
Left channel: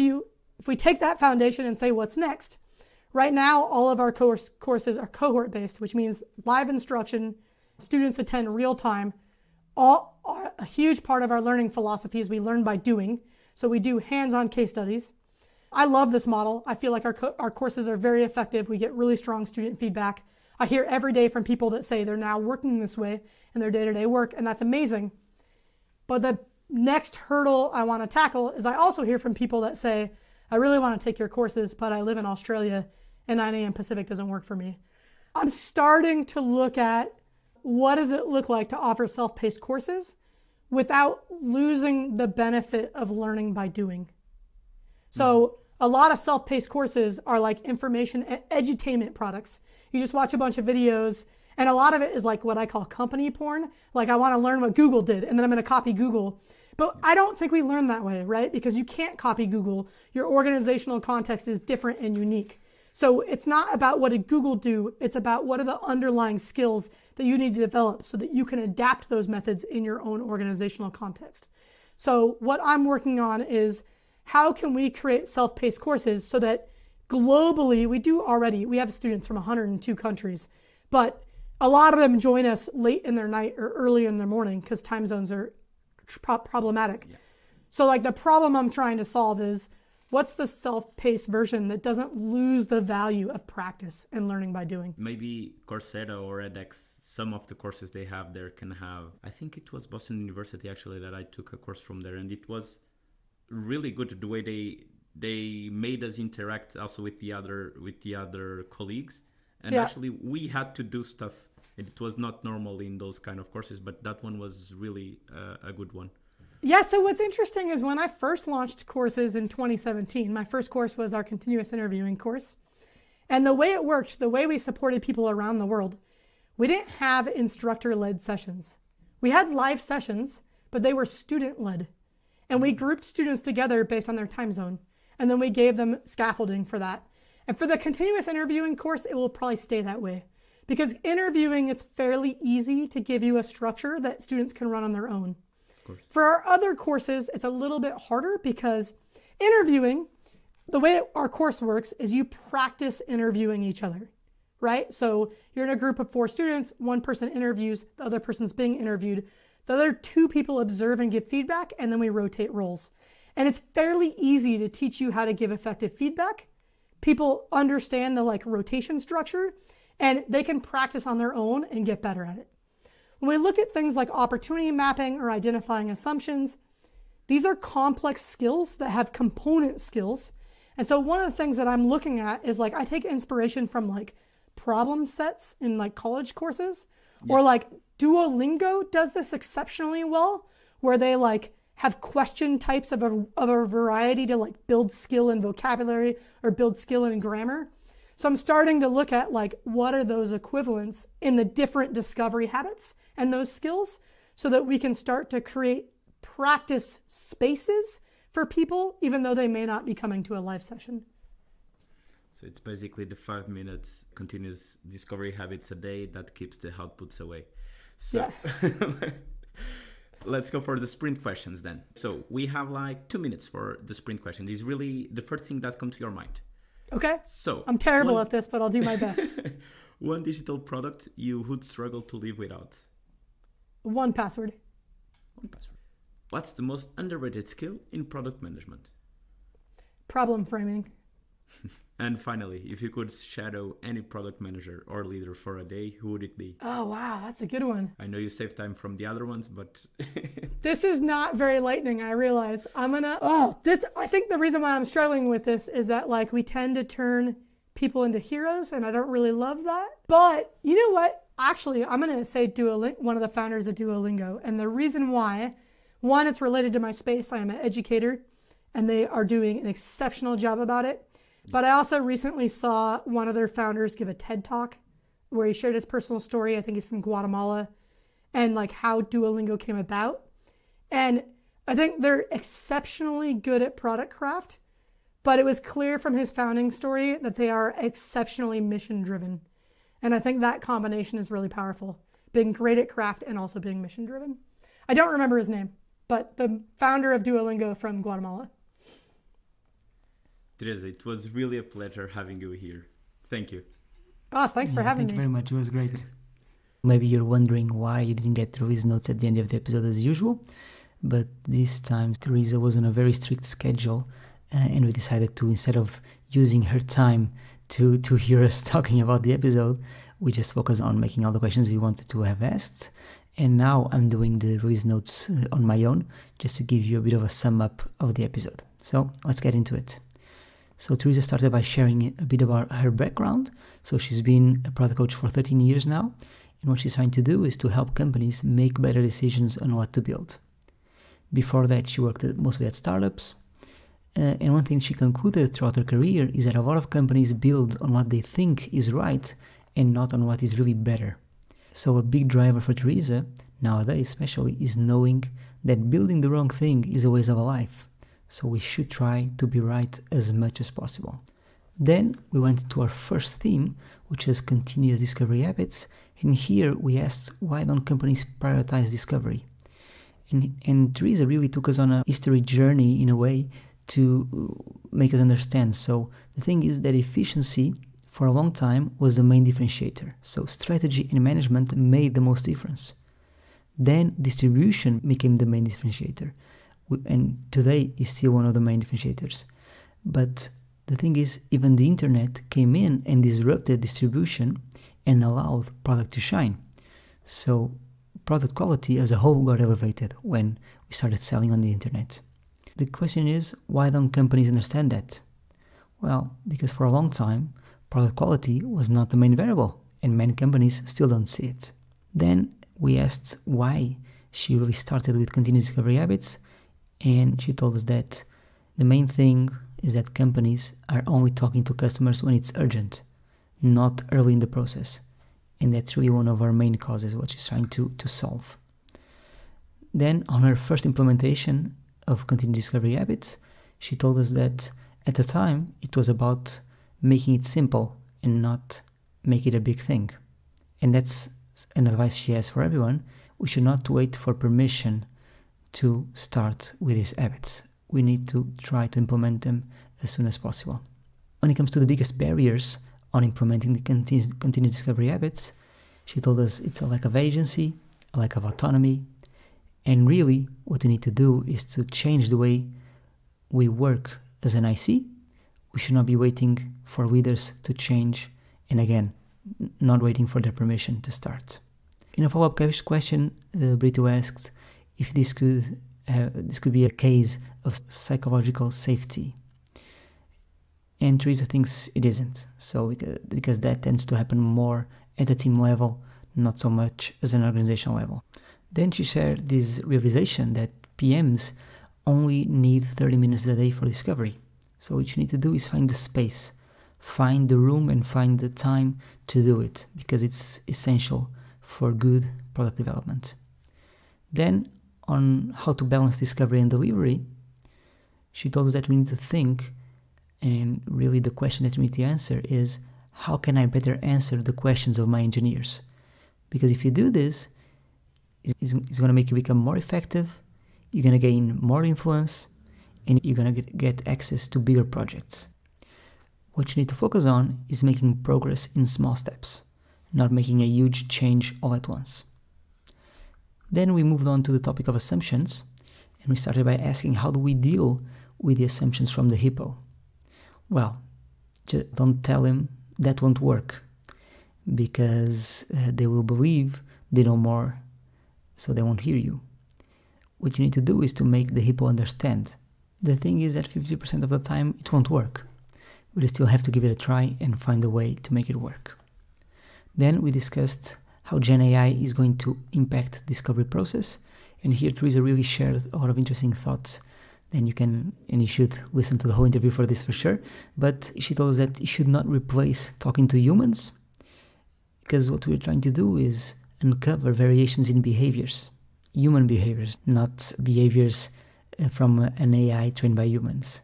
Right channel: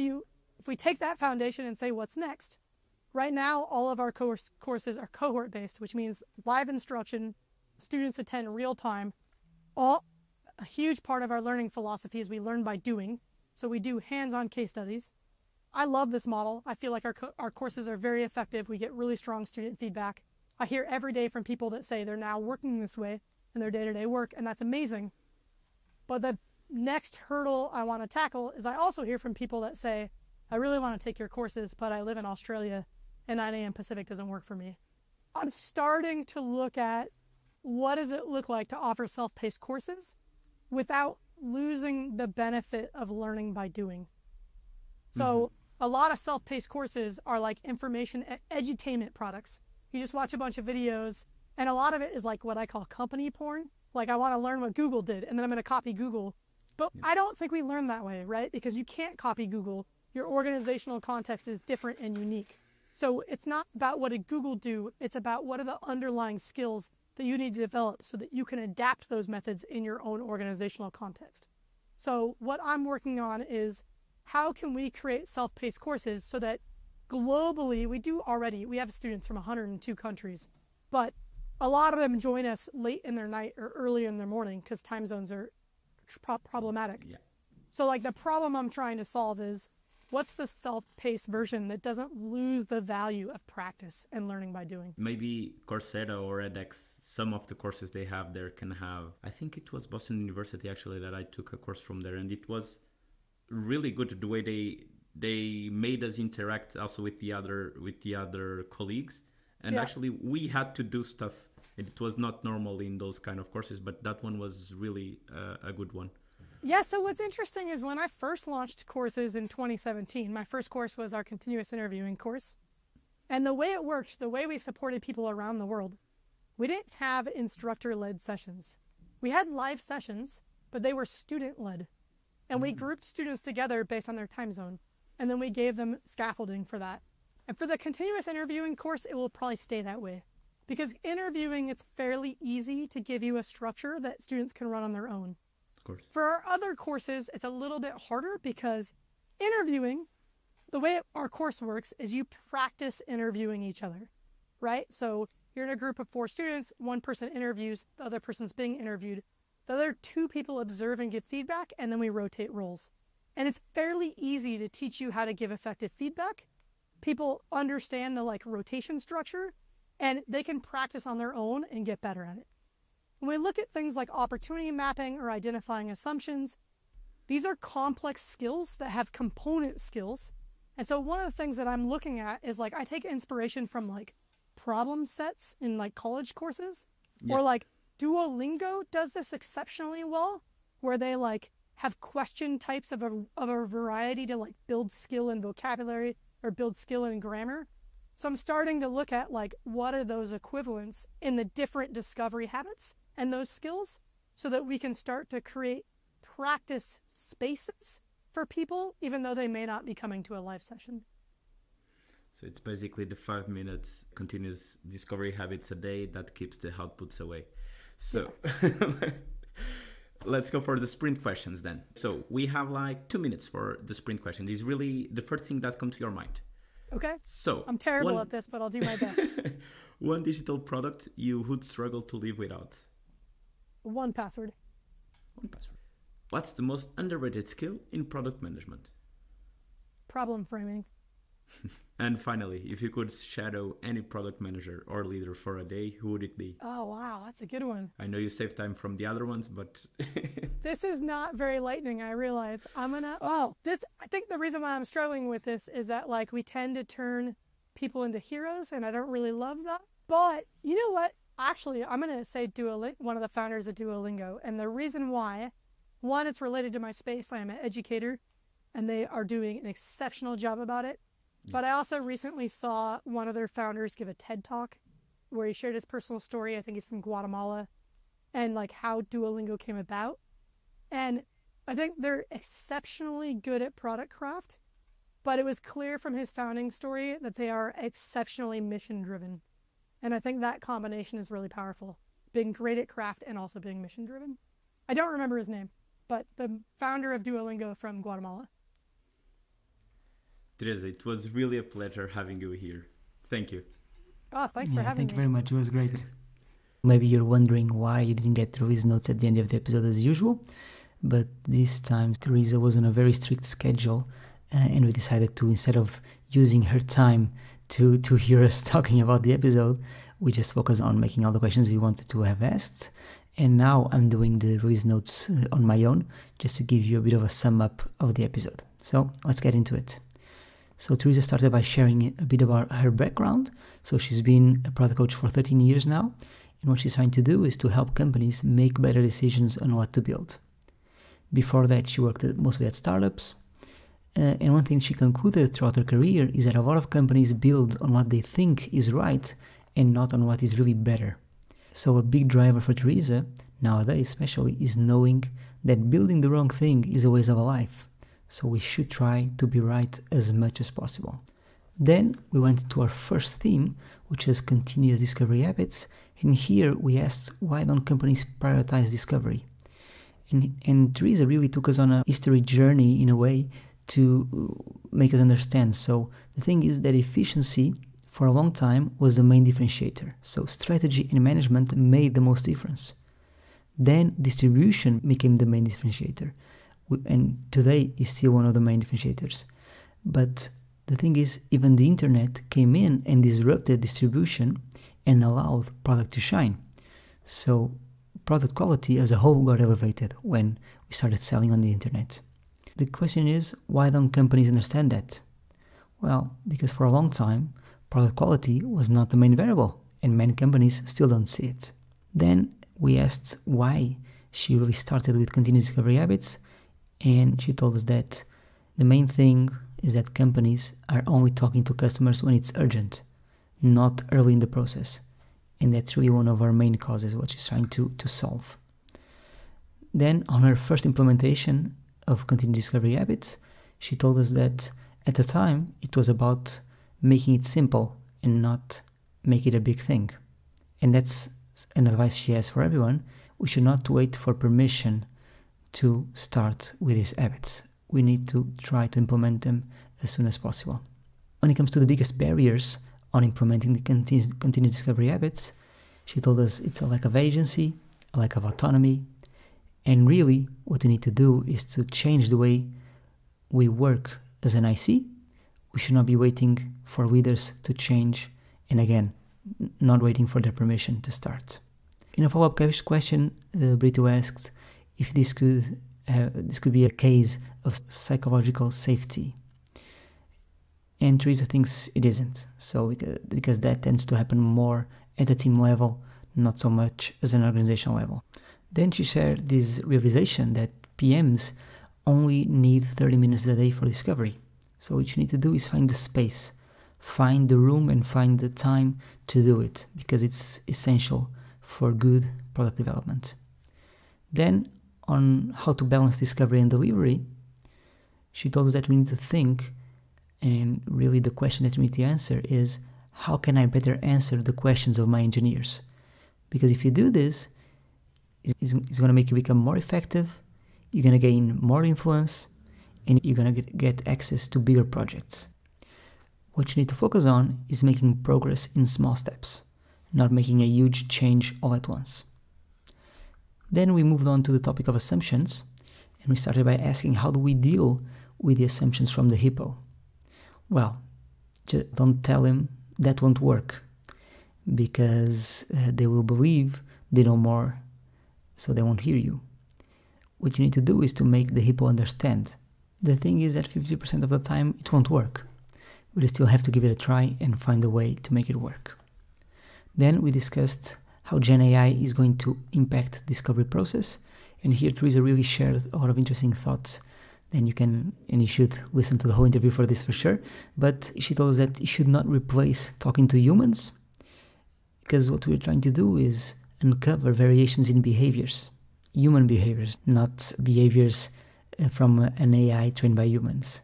we take that foundation and say what's next, right now all of our courses are cohort based, which means live instruction, students attend real time. A huge part of our learning philosophy is we learn by doing. So we do hands-on case studies. I love this model. I feel like our courses are very effective. We get really strong student feedback. I hear every day from people that say they're now working this way in their day-to-day work, and that's amazing. But the next hurdle I want to tackle is I also hear from people that say, I really want to take your courses, but I live in Australia and 9 a.m. Pacific doesn't work for me. I'm starting to look at what does it look like to offer self-paced courses without losing the benefit of learning by doing. So a lot of self-paced courses are like information edutainment products. You just watch a bunch of videos, and a lot of it is like what I call company porn. Like I want to learn what Google did, and then I'm going to copy Google. But I don't think we learn that way, right? Because you can't copy Google. Your organizational context is different and unique. So it's not about what did Google do. It's about what are the underlying skills that you need to develop so that you can adapt those methods in your own organizational context. So what I'm working on is how can we create self-paced courses so that globally, we have students from 102 countries, but a lot of them join us late in their night or early in the morning because time zones are problematic. Yeah. So like the problem I'm trying to solve is what's the self-paced version that doesn't lose the value of practice and learning by doing? Maybe Coursera or edX, some of the courses they have there can have, I think it was Boston University actually that I took a course from there, and it was really good the way they made us interact also with the other colleagues. And actually we had to do stuff. It was not normal in those kind of courses, but that one was really a good one. Yeah, so what's interesting is when I first launched courses in 2017, my first course was our continuous interviewing course. And the way it worked, the way we supported people around the world, we didn't have instructor-led sessions. We had live sessions, but they were student-led. And we grouped students together based on their time zone. And then we gave them scaffolding for that. And for the continuous interviewing course, it will probably stay that way. Because interviewing, it's fairly easy to give you a structure that students can run on their own. Of course. For our other courses, it's a little bit harder because interviewing, the way our course works is you practice interviewing each other, right? So you're in a group of 4 students, one person interviews, the other person's being interviewed. The other 2 people observe and give feedback, and then we rotate roles. And it's fairly easy to teach you how to give effective feedback. People understand the rotation structure, and they can practice on their own and get better at it. When we look at things like opportunity mapping or identifying assumptions, these are complex skills that have component skills. And so one of the things that I'm looking at is I take inspiration from problem sets in college courses, or Duolingo does this exceptionally well, where they have question types of a variety to build skill in vocabulary or build skill in grammar. So I'm starting to look at what are those equivalents in the different discovery habits and those skills so that we can start to create practice spaces for people, even though they may not be coming to a live session. So it's basically the 5 minutes continuous discovery habits a day that keeps the outputs away. So let's go for the sprint questions then. So we have like 2 minutes for the sprint question. This is really the first thing that comes to your mind. Okay. So I'm terrible at this, but I'll do my best. One digital product you would struggle to live without. 1Password. 1Password. What's the most underrated skill in product management? Problem framing. And finally, if you could shadow any product manager or leader for a day, who would it be? Oh, wow. That's a good one. I know you save time from the other ones, but... This is not very lightning, I realize. I think the reason why I'm struggling with this is that like we tend to turn people into heroes, and I don't really love that. But you know what? Actually, I'm going to say one of the founders of Duolingo. And the reason why, one, it's related to my space. I am an educator, and they are doing an exceptional job about it. But I also recently saw one of their founders give a TED Talk where he shared his personal story. I think he's from Guatemala, and like how Duolingo came about. And I think they're exceptionally good at product craft, but it was clear from his founding story that they are exceptionally mission driven. And I think that combination is really powerful, being great at craft and also being mission driven. I don't remember his name, but the founder of Duolingo from Guatemala. Teresa, it was really a pleasure having you here. Thank you. Oh, thanks for having me. Thank you very much. It was great. Maybe you're wondering why you didn't get Teresa's notes at the end of the episode as usual, but this time Teresa was on a very strict schedule, and we decided to, instead of using her time to hear us talking about the episode, we just focused on making all the questions we wanted to have asked. And now I'm doing the Teresa's notes on my own, just to give you a bit of a sum up of the episode. So let's get into it. So Teresa started by sharing a bit about her background. So she's been a product coach for 13 years now. And what she's trying to do is to help companies make better decisions on what to build. Before that, she worked mostly at startups. And one thing she concluded throughout her career is that a lot of companies build on what they think is right and not on what is really better. So a big driver for Teresa, nowadays especially, is knowing that building the wrong thing is a waste of a life. So we should try to be right as much as possible. Then we went to our first theme, which is continuous discovery habits. And here we asked, why don't companies prioritize discovery? And Teresa really took us on a history journey in a way to make us understand. So the thing is that efficiency for a long time was the main differentiator. So strategy and management made the most difference. Then distribution became the main differentiator. And today is still one of the main differentiators. But the thing is, even the internet came in and disrupted distribution and allowed product to shine. So product quality as a whole got elevated when we started selling on the internet. The question is, why don't companies understand that? Well, because for a long time, product quality was not the main variable, and many companies still don't see it. Then we asked why she really started with continuous discovery habits. And she told us that the main thing is that companies are only talking to customers when it's urgent, not early in the process. And that's really one of our main causes, what she's trying to solve. Then on her first implementation of continuous discovery habits, she told us that at the time it was about making it simple and not make it a big thing. And that's an advice she has for everyone. We should not wait for permission to start with these habits. We need to try to implement them as soon as possible. When it comes to the biggest barriers on implementing the continuous discovery habits, she told us it's a lack of agency, a lack of autonomy, and really what we need to do is to change the way we work as an IC. We should not be waiting for leaders to change, and again, not waiting for their permission to start. In a follow-up question, Brito asked if this could be a case of psychological safety. And Teresa thinks it isn't. So because that tends to happen more at the team level, not so much as an organizational level. Then she shared this realization that PMs only need 30 minutes a day for discovery. So what you need to do is find the space, find the room and find the time to do it, because it's essential for good product development. Then, on how to balance discovery and delivery, she told us that we need to think, and really the question that we need to answer is, how can I better answer the questions of my engineers? Because if you do this, it's going to make you become more effective, you're going to gain more influence, and you're going to get access to bigger projects. What you need to focus on is making progress in small steps, not making a huge change all at once. Then we moved on to the topic of assumptions, and we started by asking, how do we deal with the assumptions from the hippo? Well, just don't tell him that won't work, because they will believe they know more, so they won't hear you. What you need to do is to make the hippo understand. The thing is that 50% of the time it won't work, but you still have to give it a try and find a way to make it work. Then we discussed how Gen AI is going to impact the discovery process, and here Teresa really shared a lot of interesting thoughts. Then you can, and you should listen to the whole interview for this for sure, but she told us that it should not replace talking to humans, because what we're trying to do is uncover variations in behaviors, human behaviors, not behaviors from an AI trained by humans.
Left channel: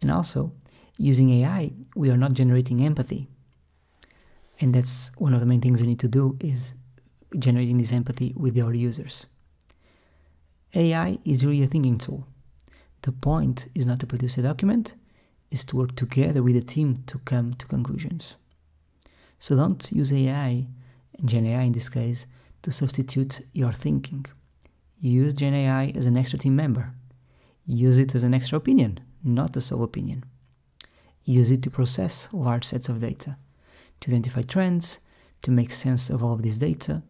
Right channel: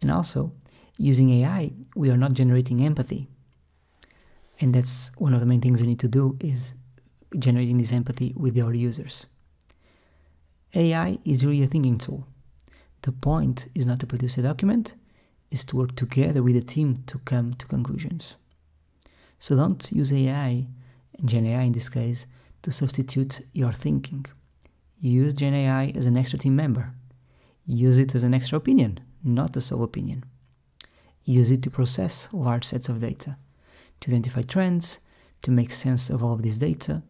And also, using AI, we are not generating empathy. And that's one of the main things we need to do, is generating this empathy with our users. AI is really a thinking tool. The point is not to produce a document, is to work together with a team to come to conclusions. So don't use AI, and Gen AI in this case, to substitute your thinking. Use Gen AI as an extra team member. Use it as an extra opinion, not a sole opinion. Use it to process large sets of data, to identify trends, to make sense of all of this data.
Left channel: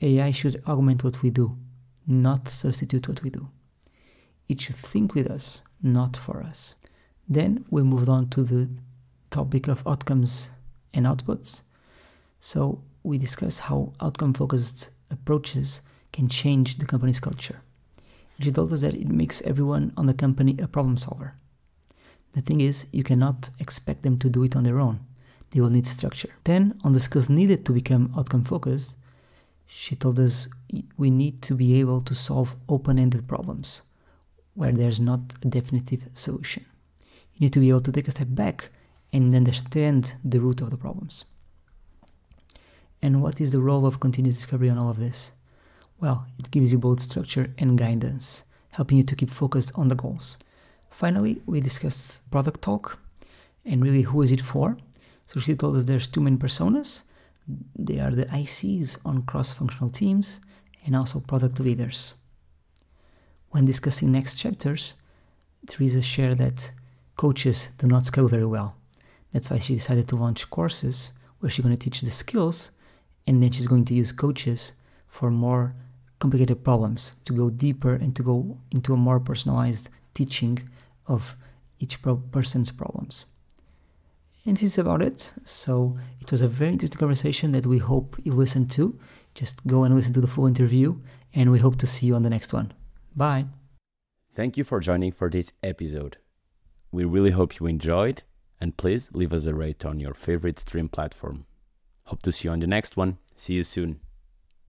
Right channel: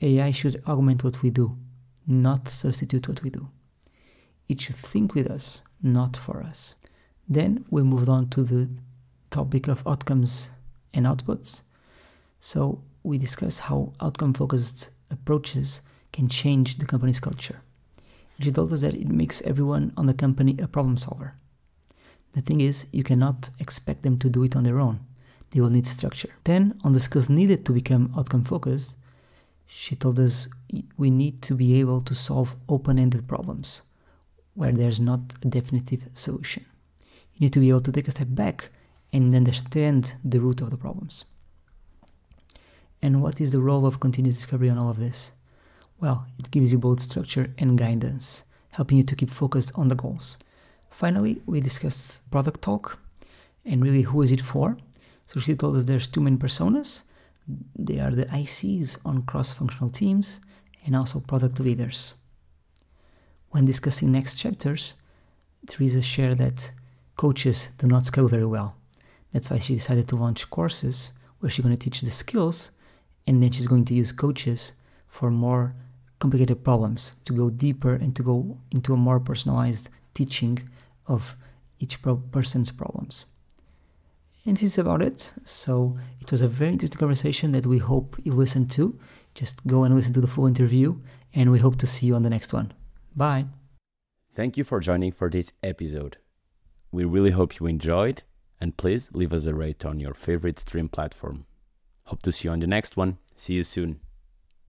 AI should augment what we do, not substitute what we do. It should think with us, not for us. Then we moved on to the topic of outcomes and outputs. So we discussed how outcome-focused approaches can change the company's culture. She told us that it makes everyone on the company a problem solver. The thing is, you cannot expect them to do it on their own. They will need structure. Then, on the skills needed to become outcome-focused, she told us we need to be able to solve open-ended problems where there's not a definitive solution. You need to be able to take a step back and understand the root of the problems. And what is the role of continuous discovery on all of this? Well, it gives you both structure and guidance, helping you to keep focused on the goals. Finally, we discussed product talk, and really who is it for? So she told us there's two main personas. They are the ICs on cross-functional teams and also product leaders. When discussing next chapters, Teresa shared that coaches do not scale very well. That's why she decided to launch courses where she's going to teach the skills, and then she's going to use coaches for more complicated problems, to go deeper and to go into a more personalized teaching of each person's problems. And this is about it. So it was a very interesting conversation that we hope you listen to. Just go and listen to the full interview, and we hope to see you on the next one. Bye. Thank you for joining for this episode. We really hope you enjoyed, and please leave us a rate on your favorite stream platform. Hope to see you on the next one. See you soon.